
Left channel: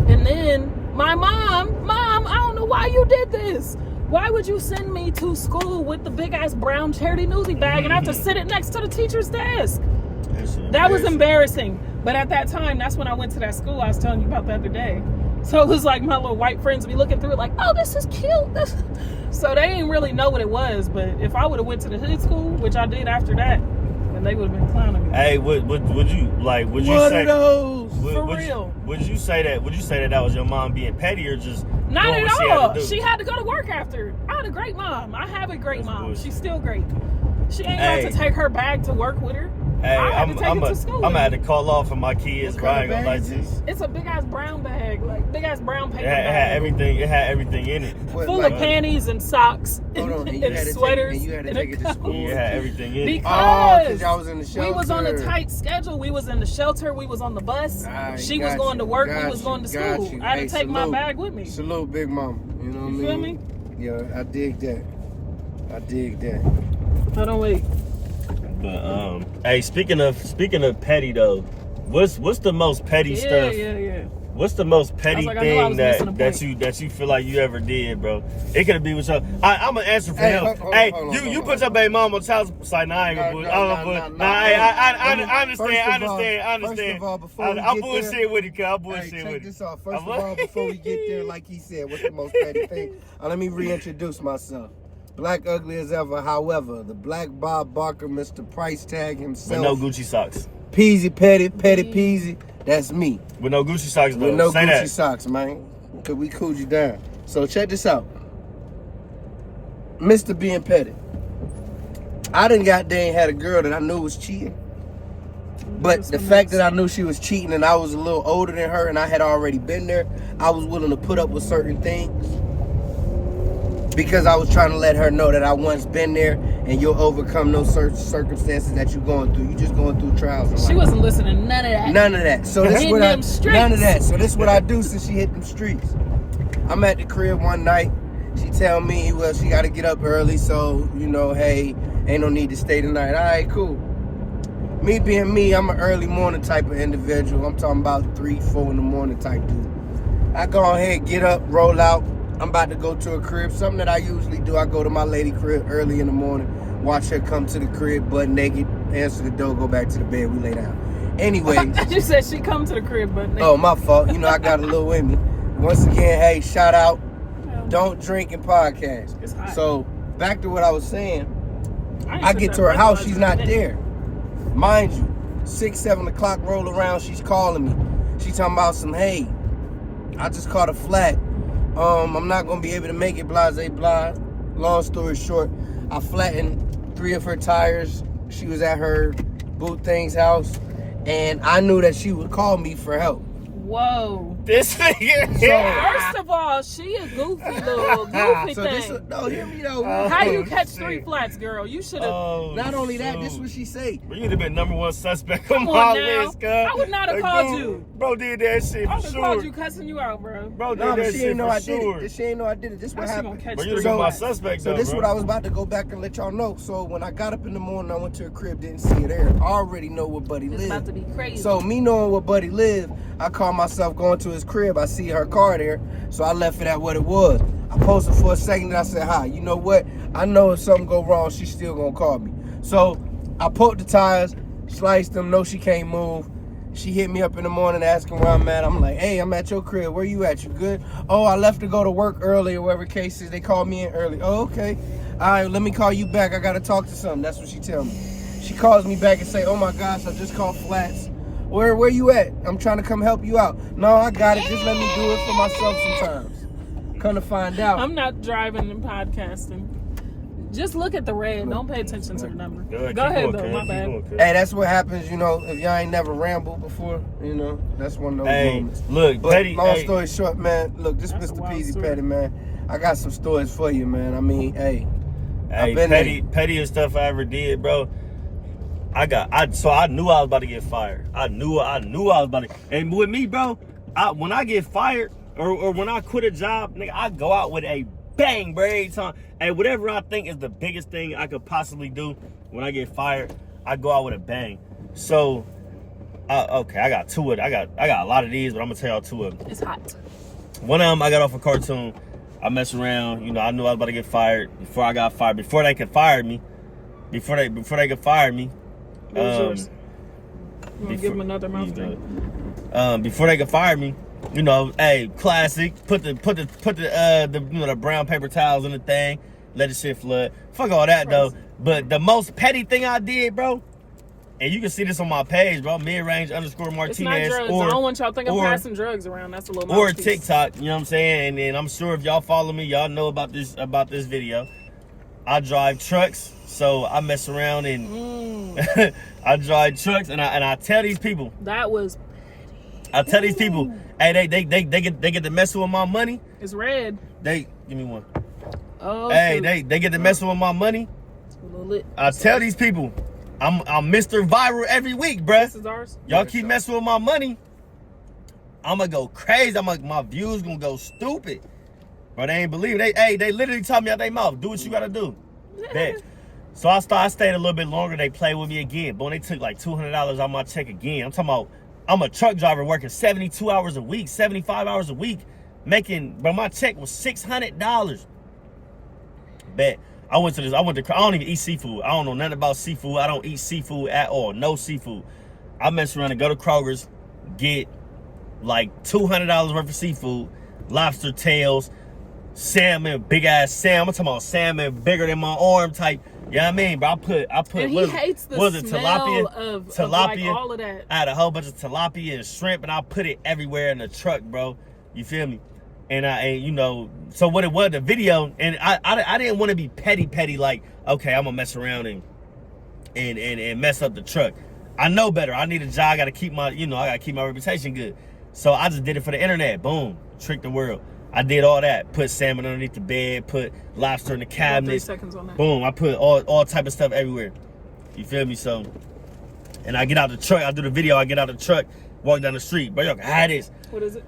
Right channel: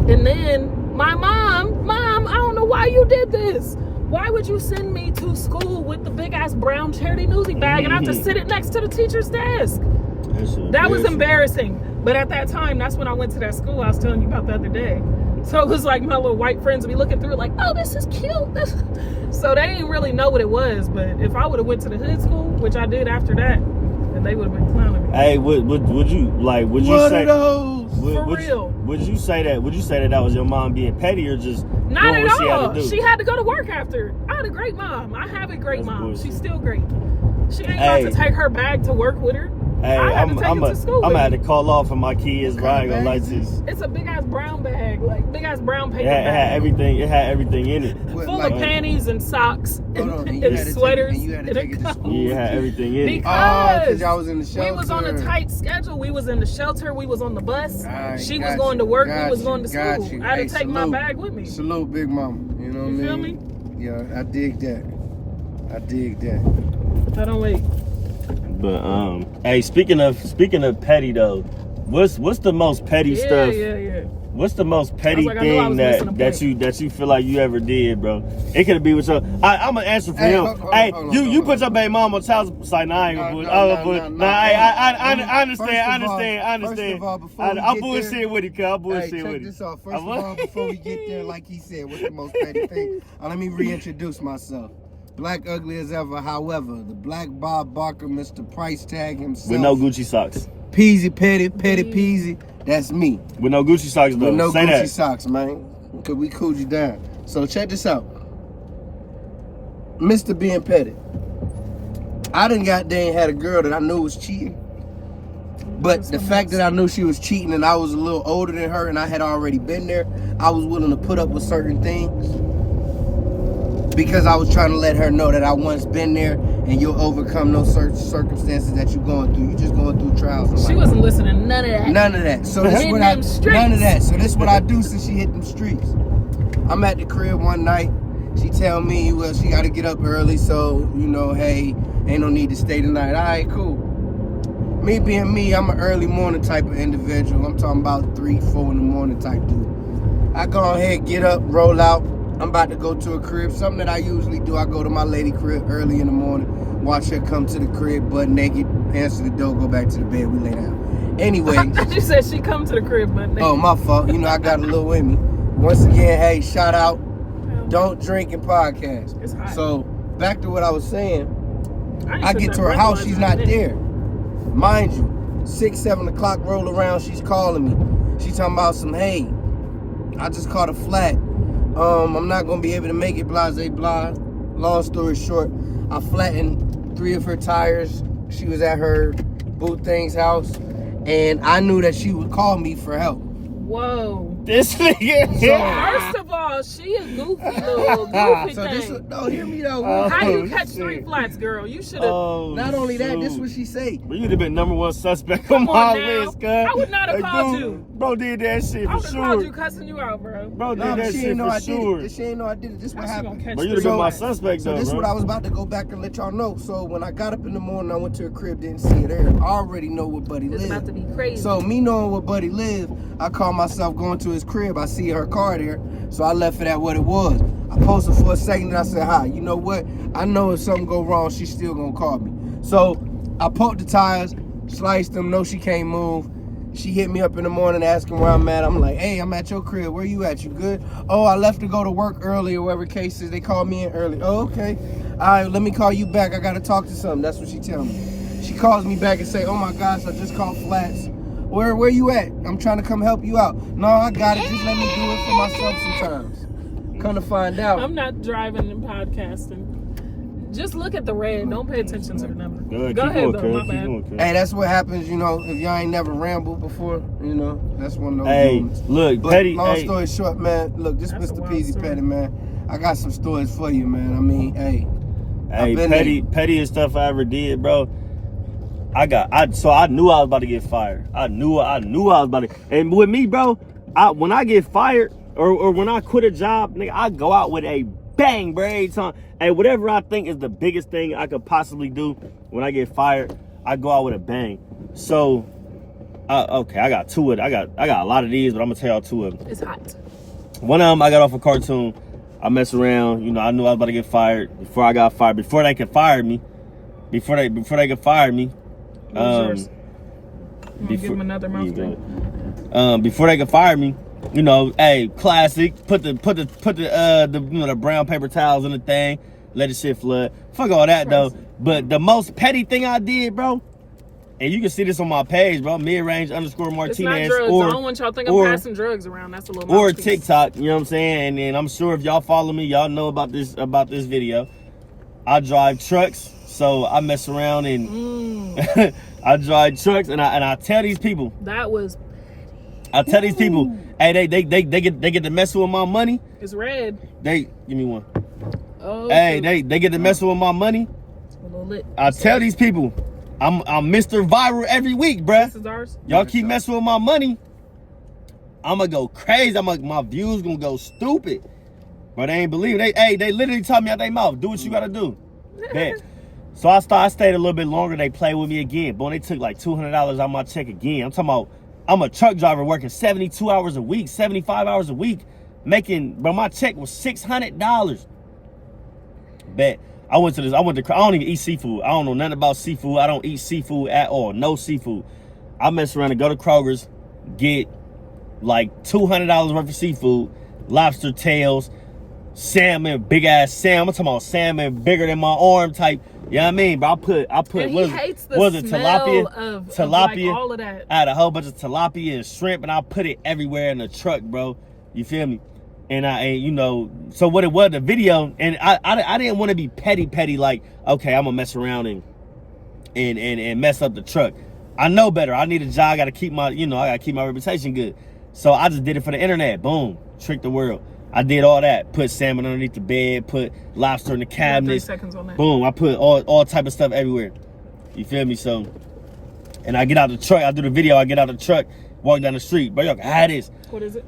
and then my mom, I don't know why you did this. Why would you send me to school with the big ass brown Charity Newsy bag and I have to sit it next to the teacher's desk? That was embarrassing. But at that time, that's when I went to that school I was telling you about the other day. So it was like my little white friends would be looking through it like, oh, this is cute. So they didn't really know what it was. But if I would have went to the hood school, which I did after that, then they would have been clowning me. Hey, would you What say are those? For real. Would you say that that was your mom being petty or just Not doing at what she had all. to do? She had to go to work after. I had a great mom. I have a great That's mom. bullshit. She's still great. She ain't Hey. got to take her bag to work with her. Hey, I had to take it to school. I'm with gonna have me. to call off for my kids. What But I kind ain't of gonna lie bag to is you. this? It's a big ass brown bag, like big ass brown paper It had bag. everything. It had everything in it. What, Full like, of panties and socks Hold on, and you and had to sweaters. take it to and school. Yeah, it had everything in it. Because because y'all was in the shelter. we was on a tight schedule. We was in the shelter. We was on the bus. Alright, She was got going you, to work. We got was you, going to got school. you. I had Hey, to take salute. my bag with me. Salute, Big Mama. You know what You I feel mean? Yeah, I dig that. I dig that. Hold on, wait. But hey, speaking of petty though, what's the most petty stuff? Yeah. What's the most petty like, I knew I thing was missing a point. that you feel like you ever did, bro? It could be with your. I'm gonna answer for Hey, him. hold Hey, on, you hold you on, put your hold baby mom on child support. Nah, I ain't gonna No. I understand. First I of all, understand. before we I'm get bullshit there- with it, cuz. I'm bullshit Hey, with check it. this out. First of all, before we get there, like he said, what's the most petty thing? Let me reintroduce myself. Black ugly as ever, however, the Black Bob Barker, Mr. Price Tag himself. With no Gucci socks. Peasy, petty peasy. That's me. With no Gucci socks, though. With no Say Gucci that. socks, man. Cause we cooled you down. So check this out. Mr. Being petty. I done goddamn had a girl that I knew was cheating. But the fact that I knew she was cheating and I was a little older than her and I had already been there, I was willing to put up with certain things. Because I was trying to let her know that I once been there and you'll overcome those certain circumstances that you're going through. You're just going through trials of life. She wasn't listening to none of that. None of that. So this Hit what I them streets. none of that. So this what I do since she hit them streets. I'm at the crib one night. She tell me, well, she got to get up early, so you know, hey, ain't no need to stay tonight. All right, cool. Me being me, I'm an early morning type of individual. I'm talking about 3, 4 in the morning type dude. I go ahead, get up, roll out. I'm about to go to a crib. Something that I usually do, I go to my lady crib early in the morning, watch her come to the crib butt naked, answer the door, go back to the bed, we lay down. Anyways. You said she come to the crib, but Oh, my fault. You know, I got a little in me. Once again, hey, shout out. Don't drink and podcast. It's hot. So, back to what I was saying. ain't I took get that to her house, breathalyzer she's in a not minute. there. Mind you, 6, 7 o'clock roll around, she's calling me. She talking about some, hey, I just caught a flat. I'm not gonna be able to make it, blase blah. Long story short, I flattened 3 of her tires. She was at her boo thing's house, and I knew that she would call me for help. Whoa. This nigga. First of all, she a goofy little goofy So this, thing. no, hear me though. How you catch shit. 3 flats, girl? You should have. Not only that, this what she say. Bro, you'd have been #1 suspect on Come my on now. list, cuz. I would not have called you. Bro did that shit I for would have sure. called you cussing you out, bro. Bro did No, that but she shit ain't know for I did sure. it. She ain't know I did it. This what Now she happened. gonna catch Bro, you'd 3 have been my flats. suspect, So though, this is bro. what I was about to go back and let y'all know. So when I got up in the morning, I went to her crib, didn't see her there. I already know where Buddy It's about lived. to be crazy. So me knowing where Buddy lived, I called myself going to his crib. I see her car there, so I left it at what it was. I posted for a second and I said, hi, you know what? I know if something go wrong, she's still gonna call me. So I poked the tires, sliced them, no, she can't move. She hit me up in the morning asking where I'm at. I'm like, hey, I'm at your crib. Where you at? You good? Oh, I left to go to work early or whatever case is. They called me in early. Oh, okay. All right, let me call you back. I got to talk to something. That's what she tell me. She calls me back and say, oh my gosh, I just called Flats. Where you at? I'm trying to come help you out. No, I got it. Just let me do it for myself sometimes. Come to find out. I'm not driving and podcasting. Just look at the red. Don't pay attention to the number. Go ahead, though. My bad. Hey, that's what happens, you know, if y'all ain't never rambled before, you know, that's one of those Hey, moments. look, But Petty. long hey, story short, man, look, this That's a Mr. wild Peasy story. Petty, man. I got some stories for you, man. I mean, hey. Hey, been pettiest stuff I ever did, bro. So I knew I was about to get fired. I knew I was about to. And with me, bro, when I get fired or when I quit a job, nigga, I go out with a bang, bro, every time. And whatever I think is the biggest thing I could possibly do when I get fired, I go out with a bang. So, okay, I got two of it. I got a lot of these, but I'm gonna tell y'all 2 of them. It's hot. One of them, I got off a cartoon. I messed around, you know. I knew I was about to get fired before I got fired. Before they could fire me, before they could fire me. What was yours? You wanna give him another mouth thing? Before they could fire me, you know, hey, classic. Put the you know, the brown paper towels in the thing, let the shit flood. Fuck all that though. But the most petty thing I did, bro, and you can see this on my page, bro. Midrange _ Martinez. It's not drugs. I don't want y'all to think I'm passing drugs around. That's a little or mouthpiece. TikTok. You know what I'm saying? And I'm sure if y'all follow me, y'all know about this video. I drive trucks, so I mess around and I drive trucks, and I tell these people. That was. I tell these people, hey, they get to mess with my money. It's red. They give me one. Oh. Hey, they get to mess with my money. A little lit. I tell these people, I'm Mr. Viral every week, bruh. This is ours. Y'all keep messing with my money, I'ma go crazy. My views gonna go stupid. But they ain't believe it. They literally tell me out their mouth, do what you gotta do. Bet. So I stayed a little bit longer. They played with me again. Boy, they took like $200 out my check again. I'm talking about, I'm a truck driver working 72 hours a week, 75 hours a week, bro, my check was $600. Bet. I went to, I don't even eat seafood. I don't know nothing about seafood. I don't eat seafood at all. No seafood. I mess around and go to Kroger's, get like $200 worth of seafood, lobster tails, salmon, big ass salmon. I'm talking about salmon bigger than my arm type. You know what I mean? But I put And he hates the smell of like all of that. I had a whole bunch of tilapia and shrimp, and I put it everywhere in the truck, bro. You feel me? And you know, so what it was, the video, and I didn't want to be petty like, okay, I'm gonna mess around and mess up the truck. I know better. I need a job. I gotta keep my reputation good. So I just did it for the internet. Boom, tricked the world. I did all that. Put salmon underneath the bed. Put lobster in the cabinet. 3 seconds on that. Boom. I put all type of stuff everywhere. You feel me? So, and I get out the truck. I do the video. I get out the truck, walk down the street. Bro, y'all can have this. What is it?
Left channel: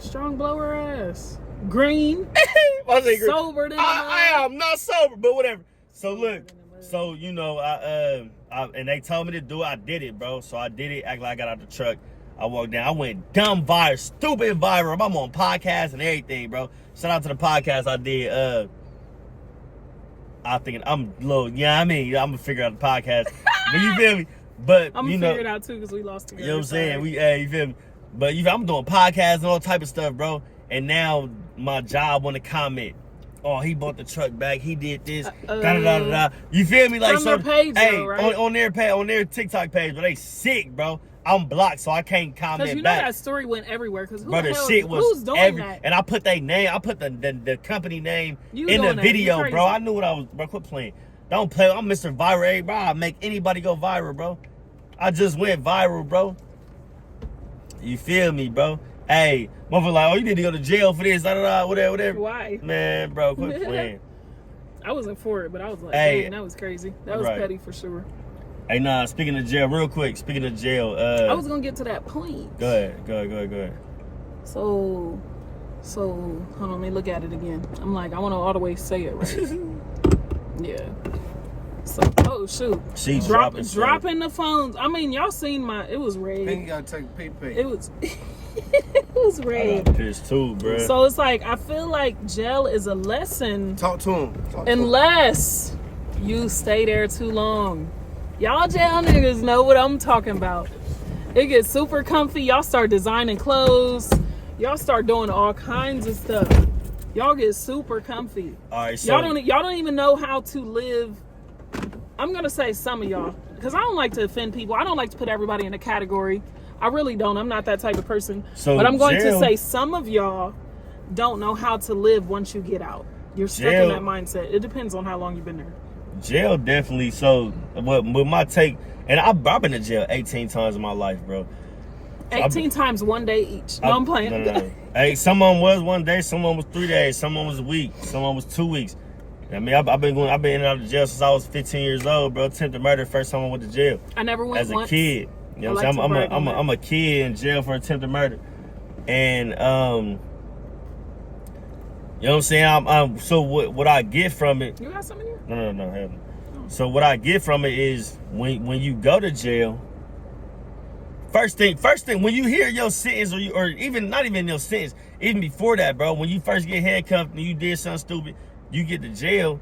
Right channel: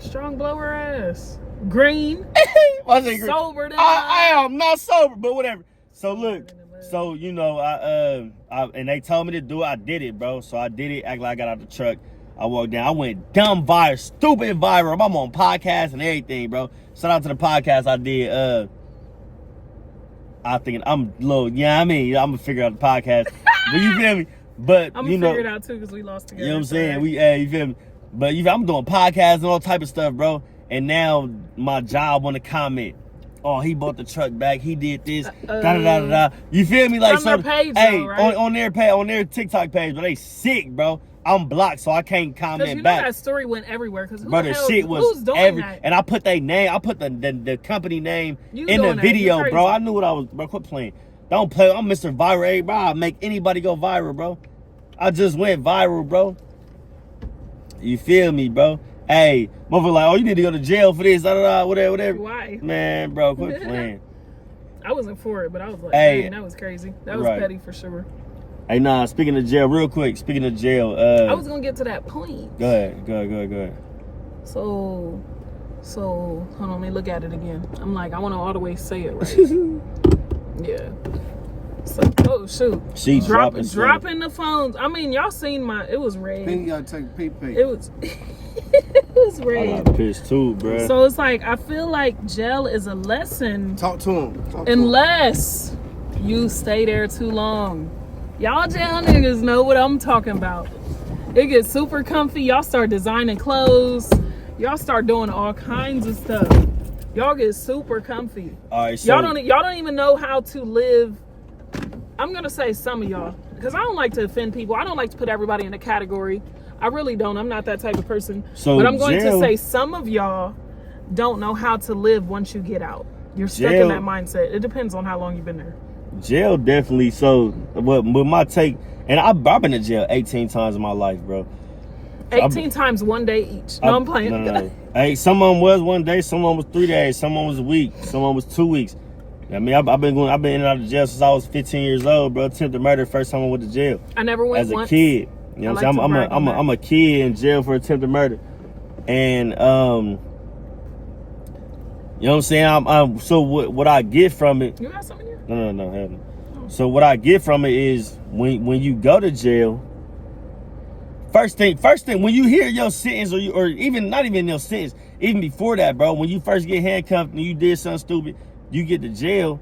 Strong blower ass. Green. Sober than I am not sober, but whatever. So look. So you know, I and they told me to do it. I did it, bro. So I did it. Act like I got out the truck. I walked down. I went dumb viral, stupid viral. I'm on podcasts and everything, bro. Shout out to the podcast I did. I think I'm low. Yeah, I mean, I'm gonna figure out the podcast. But you feel me? But I'm you gonna know, figure it out too because we lost together. you know what I'm saying? You feel me? But I'm doing podcasts and all type of stuff, bro. And now my job want to comment. Oh, he bought the truck back. He did this. Da da da da. You feel me? Like From their page, hey, though, right? on their page, on their TikTok page, but they sick, bro. I'm blocked, so I can't comment Because you know back. that story went everywhere. Because who Bro, the the hell, shit was who's doing that? and I put their name, I put the company name You in the doing that. video, You bro. crazy. I knew what I was, bro. Quit playing. Don't play. I'm Mr. Viral, bro. I make anybody go viral, bro. I just went viral, bro. You feel me, bro? Hey, motherfucker like, oh, you need to go to jail for this, whatever. Why? Man, bro, quit playing. I wasn't for it, but I was like, Hey. dang, that was crazy. That was Right. petty for sure. Hey, nah, speaking of jail, real quick, speaking of jail, I was gonna get to that point. Go ahead. So hold on, let me look at it again. I'm like, I want to always say it right. Yeah. So, oh shoot, She dropping the phones. I mean, y'all seen it was red. Then you gotta take a pee. It was it was red. I'm pissed too, bro. So it's like, I feel like jail is a lesson Talk to him. unless you stay there too long. Y'all jail niggas know what I'm talking about. It gets super comfy. Y'all start designing clothes. Y'all start doing all kinds of stuff. Y'all get super comfy. All right, so Y'all don't even know how to live. I'm gonna say some of y'all, because I don't like to offend people. I don't like to put everybody in a category. I really don't. I'm not that type of person. So but I'm going to jail- say some of y'all don't know how to live once you get out. You're stuck Jail- in that mindset. It depends on how long you've been there. jail definitely. So, with my take, and I've been to jail 18 times in my life, bro. 18 times 1 day each. No, I'm playing. No. Hey, some of them was 1 day, some of them was 3 days, some of them was a week, some of them was 2 weeks. I mean, I've been in and out of jail since I was 15 years old, bro. Attempted murder, first time I went to jail. I never went as a once. kid. You know what I'm saying? I'm I'm a kid in jail for attempted murder, and you know what I'm saying. So what I get from it? You got some in here? No, haven't. So what I get from it is when you go to jail. First thing, when you hear your sentence, or even not even your sentence, even before that, bro, when you first get handcuffed and you did something stupid, you get to jail.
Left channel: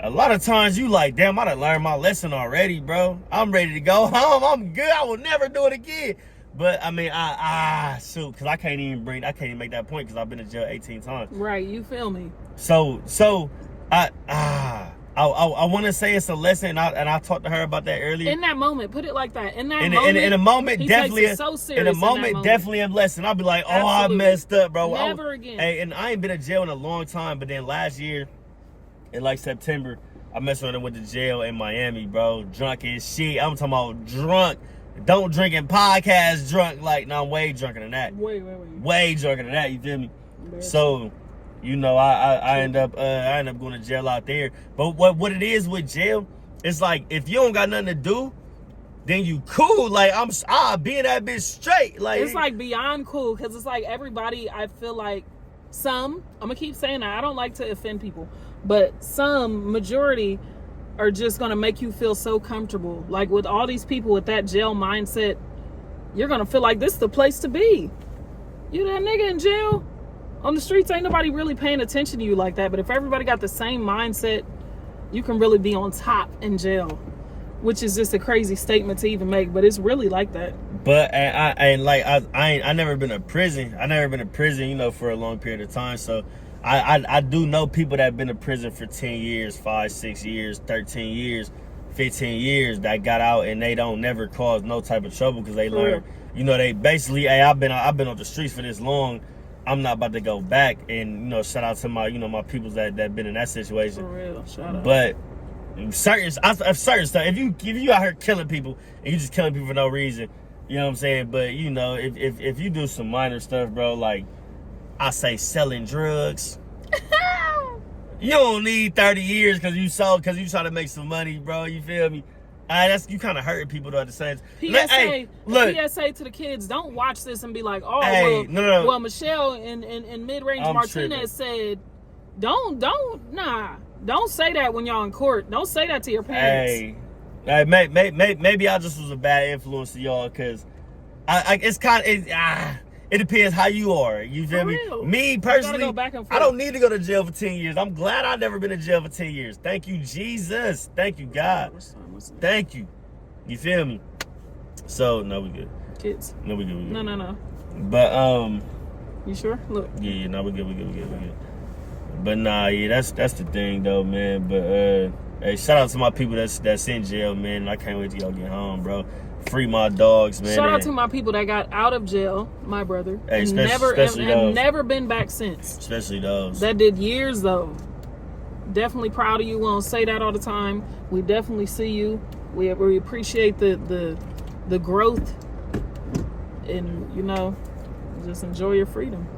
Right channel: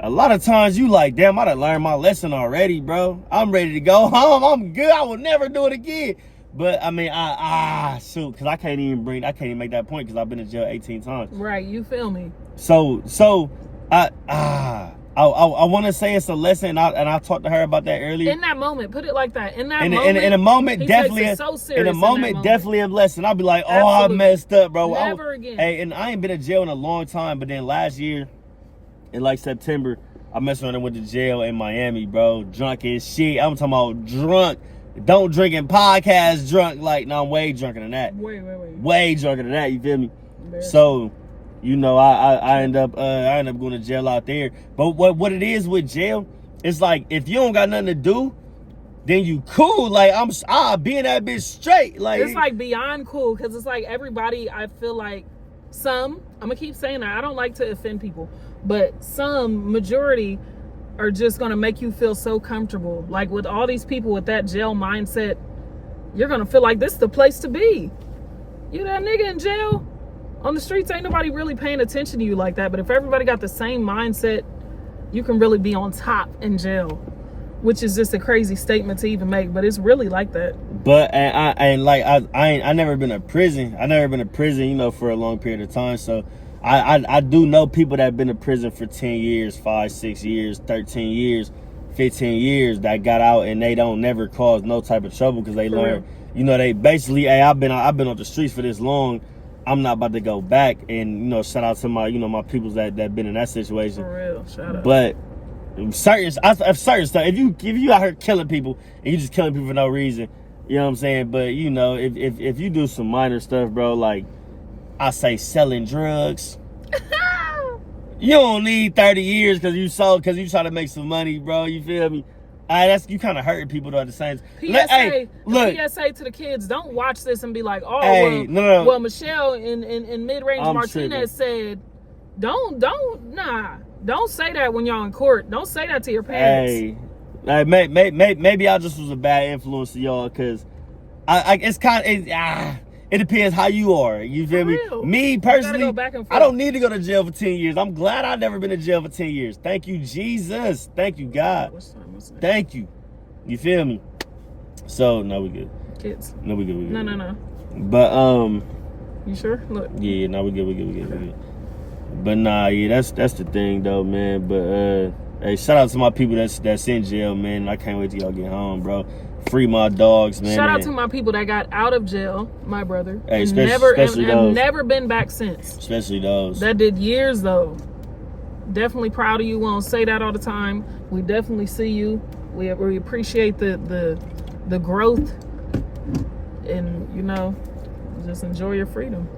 A lot of times you like, damn, I done learned my lesson already, bro. I'm ready to go home. I'm good. I will never do it again. But I mean, shoot, because I can't even make that point because I've been in jail 18 times. Right, you feel me? So I want to say it's a lesson, and I talked to her about that earlier. In that moment, put it like that. In a moment, he definitely. takes it so serious In a moment, definitely a lesson. I'll be like, oh, Absolutely. I messed up, bro. Never again. Hey, and I ain't been in jail in a long time, but then last year, in like September, I messed around and went to jail in Miami, bro. Drunk as shit. I'm talking about drunk. Don't drink in podcast drunk. Like, no, I'm way drunker than that. Way drunker than that. You feel me? So, you know, I end up going to jail out there. But what it is with jail, it's like if you don't got nothing to do, then you cool. Like I'll be in that bitch straight. Like it's like beyond cool, because it's like everybody. I feel like I'm gonna keep saying that. I don't like to offend people, but majority are just gonna make you feel so comfortable. Like with all these people with that jail mindset, you're gonna feel like this is the place to be. You that nigga in jail? On the streets, ain't nobody really paying attention to you like that. But if everybody got the same mindset, you can really be on top in jail, which is just a crazy statement to even make. But it's really like that. But I never been to prison. I never been to prison, you know, for a long period of time. So I do know people that have been to prison for 10 years, 5, 6 years, 13 years, 15 years that got out and they don't never cause no type of trouble because they learn. You know, they basically, hey, I've been on the streets for this long. I'm not about to go back. And, you know, shout out to my, you know, my peoples that been in that situation. For real, shout out. But certain stuff, if you out here killing people and you just killing people for no reason, you know what I'm saying? But, you know, if you do some minor stuff, bro, like I say selling drugs, you don't need 30 years because you try to make some money, bro. You feel me? That's you kind of hurting people though at the same time. PSA to the kids: don't watch this and be like, "Oh, well, Michelle in Mid-Range Martinez said, don't say that when y'all in court. Don't say that to your parents." Maybe I just was a bad influence to y'all because it's kind of it depends how you are. You feel me? Me personally, I don't need to go to jail for 10 years. I'm glad I've never been to jail for 10 years. Thank you, Jesus. Thank you, God. Thank you. You feel me? So, no, we good. Kids. No, we good. No. But, you sure? Look. Yeah, no, we good. But, nah, yeah, that's the thing, though, man. But, hey, shout out to my people that's in jail, man. I can't wait till y'all get home, bro. Free my dogs, man. Shout out to my people that got out of jail, my brother, hey, and never been back since. Especially those. That did years, though. Definitely proud of you. We don't say that all the time. We definitely see you. We appreciate the the growth, and just enjoy your freedom.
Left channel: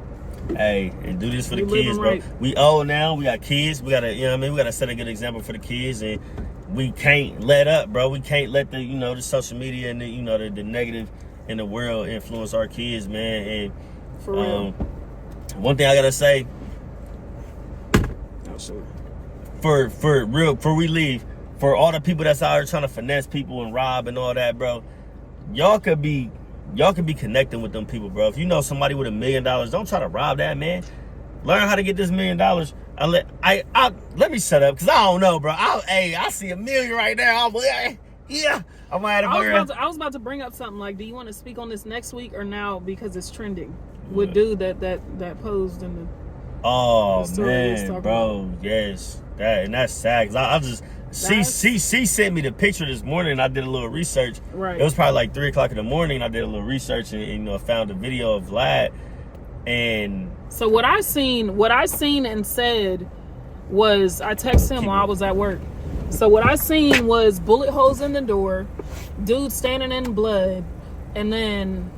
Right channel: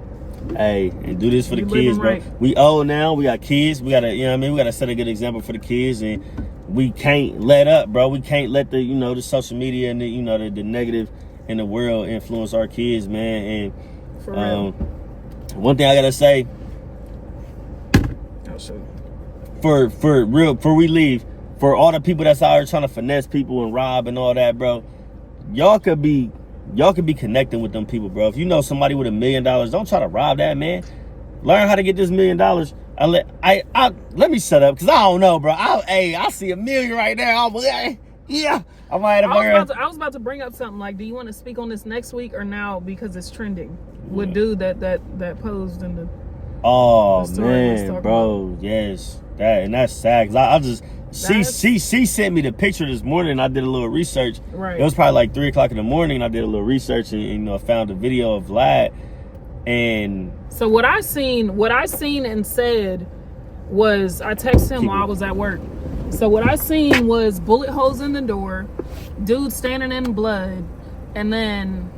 Hey, and do this for the You living kids, bro. right. We old now. We got kids. We gotta, we gotta set a good example for the kids, and we can't let up, bro. We can't let the, the social media and the negative in the world influence our kids, man. And For real. one thing I gotta say, Oh, shoot. before we leave, for all the people that's out here trying to finesse people and rob and all that, bro, y'all could be connecting with them people, bro. If you know somebody with $1 million, don't try to rob that man. Learn how to get this $1 million. Let me shut up, because I don't know, bro. I see $1 million right now. Yeah. I might have I was about to bring up something like, do you want to speak on this next week or now, because it's trending? With dude that posed in the story man, bro, about. yes, that's sad. Cause she sent me the picture this morning. And I did a little research. Right. It was probably like 3:00 in the morning. I did a little research and found a video of Vlad. And so what I seen and said was, I texted him while I was at work. So what I seen was bullet holes in the door, dude standing in blood, and then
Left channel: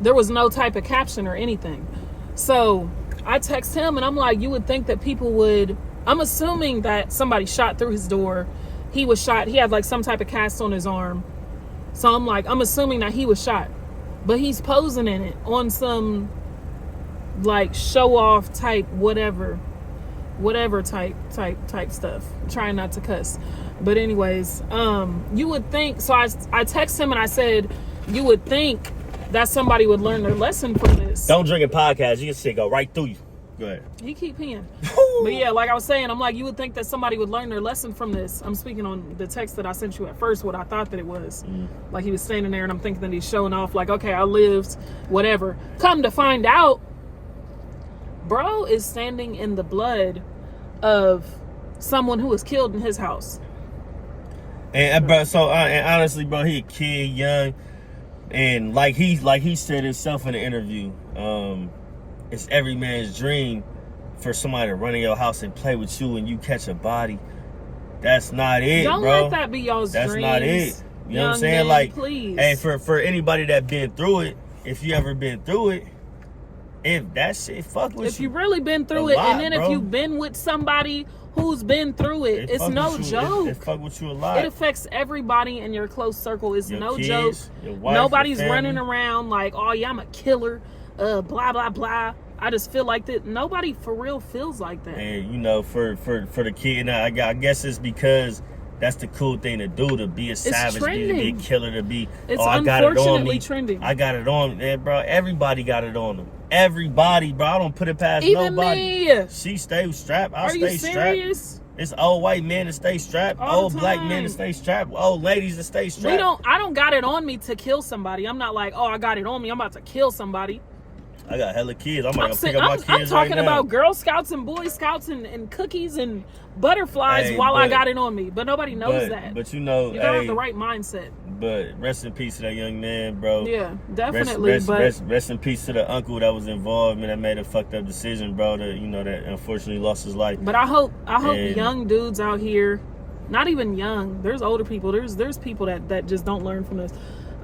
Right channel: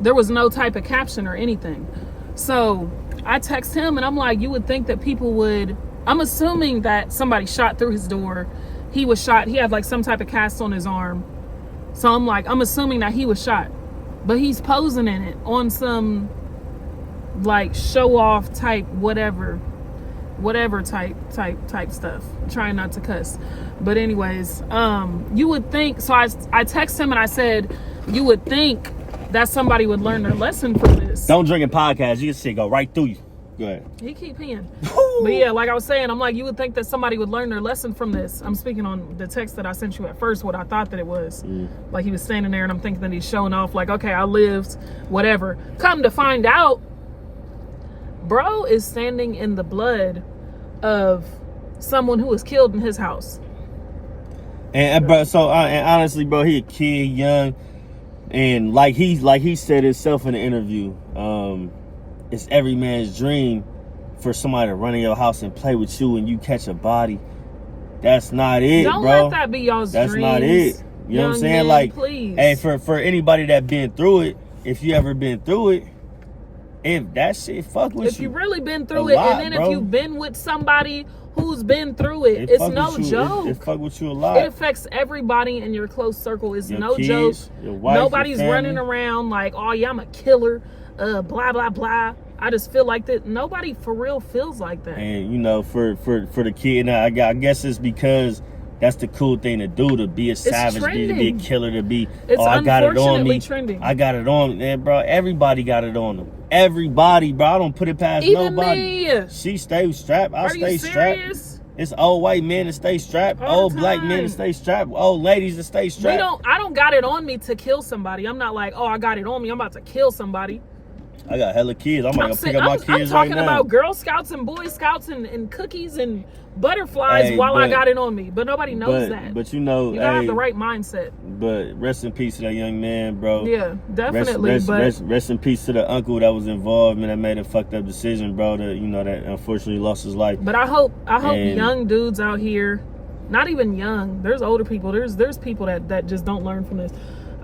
there was no type of caption or anything. So I text him and I'm like, you would think that people would, I'm assuming that somebody shot through his door. He was shot. He had like some type of cast on his arm. So I'm assuming that he was shot, but he's posing in it on some like show off type, whatever type stuff. Trying not to cuss. But anyways, you would think, so I text him and I said, you would think that somebody would learn their lesson from this. don't drink in podcasts. You can see it go right through you. Go ahead. He keep peeing. But yeah, like I was saying, I'm like, you would think that somebody would learn their lesson from this. I'm speaking on the text that I sent you at first, what I thought that it was. Like he was standing there and I'm thinking that he's showing off like, okay, I lived, whatever. Come to find out, bro is standing in the blood of someone who was killed in his house. And bro, and honestly, bro, he a kid, young, and like he said himself in the interview, it's every man's dream for somebody to run in your house and play with you and you catch a body. That's not it, Don't bro. let that be y'all's That's dreams. not it. You know what I'm saying? Man, like, please. hey, for anybody that been through it, if you ever been through it, if that shit fuck with you. If you really been through a it, lot, and then bro. if you've been with somebody who's been through it, it's fuck no with you. joke. It fuck with you a lot. It affects everybody in your close circle. It's Your no kids, joke. your wife, Nobody's your running family. around like, oh yeah, I'm a killer, blah blah blah. I just feel like that. Nobody for real feels like that. And for the kid, now I guess it's because that's the cool thing to do, to be a savage, to be a killer, to be. It's I got it on me. trending. I got it on me, man, bro. Everybody got it on them. Everybody, bro. I don't put it past Even nobody. me. She stay strapped. I Are stay you strapped. serious? It's old white men that stay strapped, All old the black men time. that stay strapped, old ladies that stay strapped. I don't got it on me to kill somebody. I'm not like, oh, I got it on me, I'm about to kill somebody. I got hella kids. I'm gonna go pick up my kids I'm talking right now. about Girl Scouts and Boy Scouts and cookies and butterflies while I got it on me. But nobody knows that. But you gotta have the right mindset. But rest in peace to that young man, bro. Yeah, definitely. Rest in peace to the uncle that was involved and that made a fucked up decision, bro. That that unfortunately lost his life. But I hope young dudes out here, not even young, there's older people, there's people that just don't learn from this.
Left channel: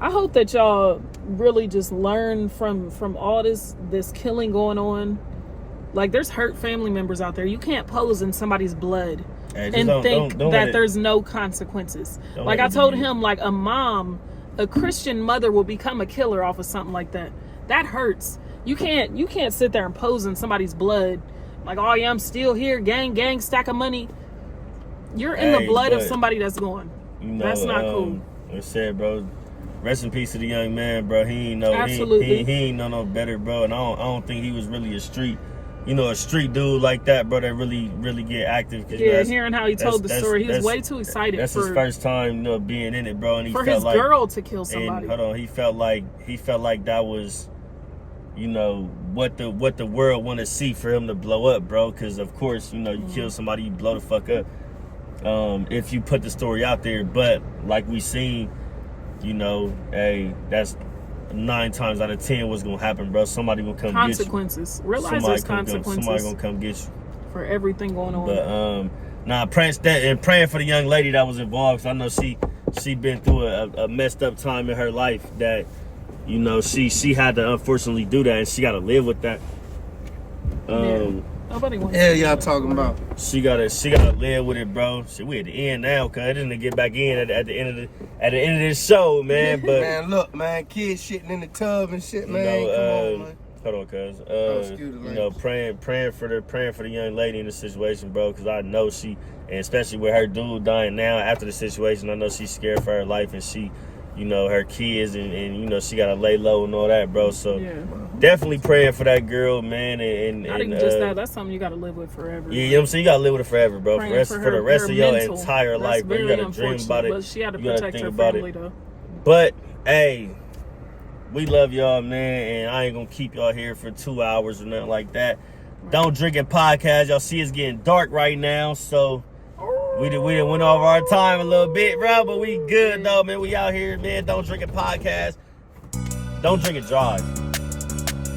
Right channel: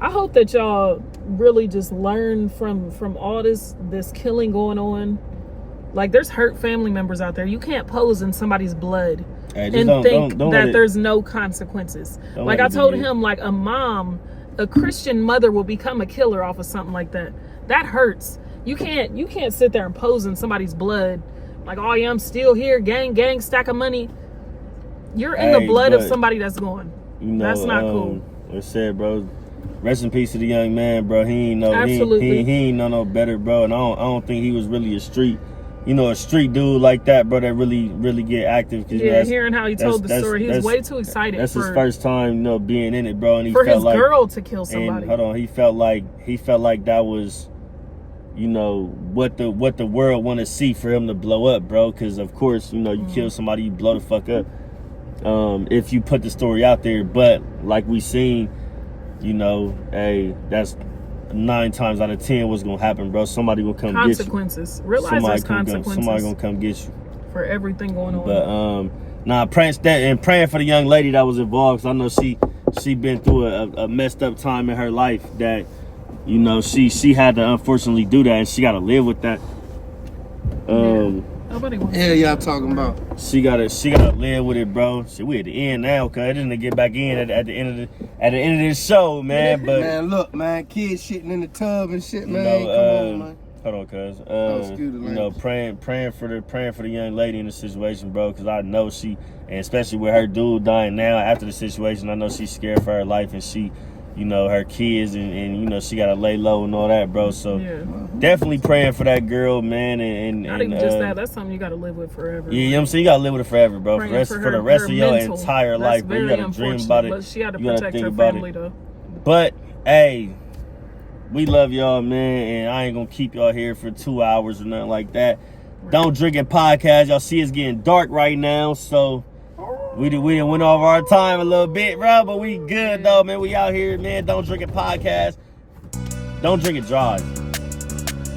I hope that y'all really just learn from all this killing going on. Like, there's hurt family members out there. You can't pose in somebody's blood and think that there's no consequences. Like I told him, like a Christian mother will become a killer off of something like that. That hurts. You can't sit there and pose in somebody's blood. Like, oh yeah, I'm still here, gang, stack of money. You're in the blood of somebody that's gone. That's not cool. I said, bro, rest in peace to the young man, bro. He ain't know. Absolutely. He ain't know no better, bro. And I don't think he was really a street dude like that, bro. That really get active. Yeah, hearing how he told the story, he was way too excited. That's his first time, being in it, bro. And he for felt his like, girl to kill somebody. And, hold on, he felt like that was, what the world want to see for him to blow up, bro. Because of course, you kill somebody, you blow the fuck up. If you put the story out there, but like we seen, hey, that's 9 times out of 10 what's gonna happen, bro. Somebody will come get you. Consequences. Realize there's consequences. Somebody gonna come get you for everything going on. But praying for the young lady that was involved. 'Cause I know she been through a messed up time in her life that, you know, she had to unfortunately do that, and she got to live with that. Nobody wants Yeah, y'all talking about. She gotta live with it, bro. We at the end now, cause it didn't get back in at the end of this show, man. But man, look, man, kids shitting in the tub and shit, man. you know, Come on, man. Hold on, cuz. Excuse the you know, praying for the young lady in the situation, bro, cause I know she, and especially with her dude dying now after the situation, I know she's scared for her life, and she, you know, her kids, and you know, she gotta lay low and all that, bro. So definitely praying for that girl, man. And not even just that. That's something you gotta live with forever. Yeah, you know what I'm saying? You gotta live with it forever, bro. For the rest of your mental. entire life, bro. You gotta dream about it. But she had to protect her family, though. But hey, we love y'all, man, and I ain't gonna keep y'all here for 2 hours or nothing like that. Right. Don't Drink It podcast. Y'all see it's getting dark right now, so we done went over our time a little bit, bro, but we good though, man. We out here, man. Don't Drink It podcast. Don't drink and drive.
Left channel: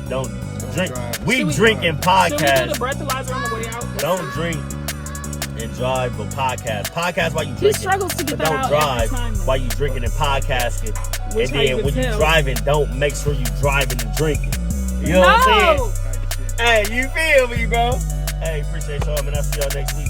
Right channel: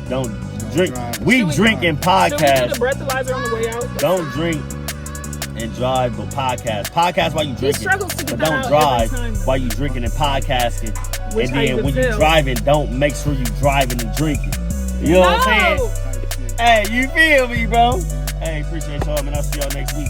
Don't drink. We drinking podcast. Should we need a breathalyzer on the way out? Don't drink and drive, but podcast. Podcast while you drinking. He struggles to get but don't drive while you drinking and podcasting. Which and then when you driving, don't make sure you driving and drinking. You know what I'm saying? Hey, you feel me, bro? Hey, appreciate y'all, man. I'll see y'all next week.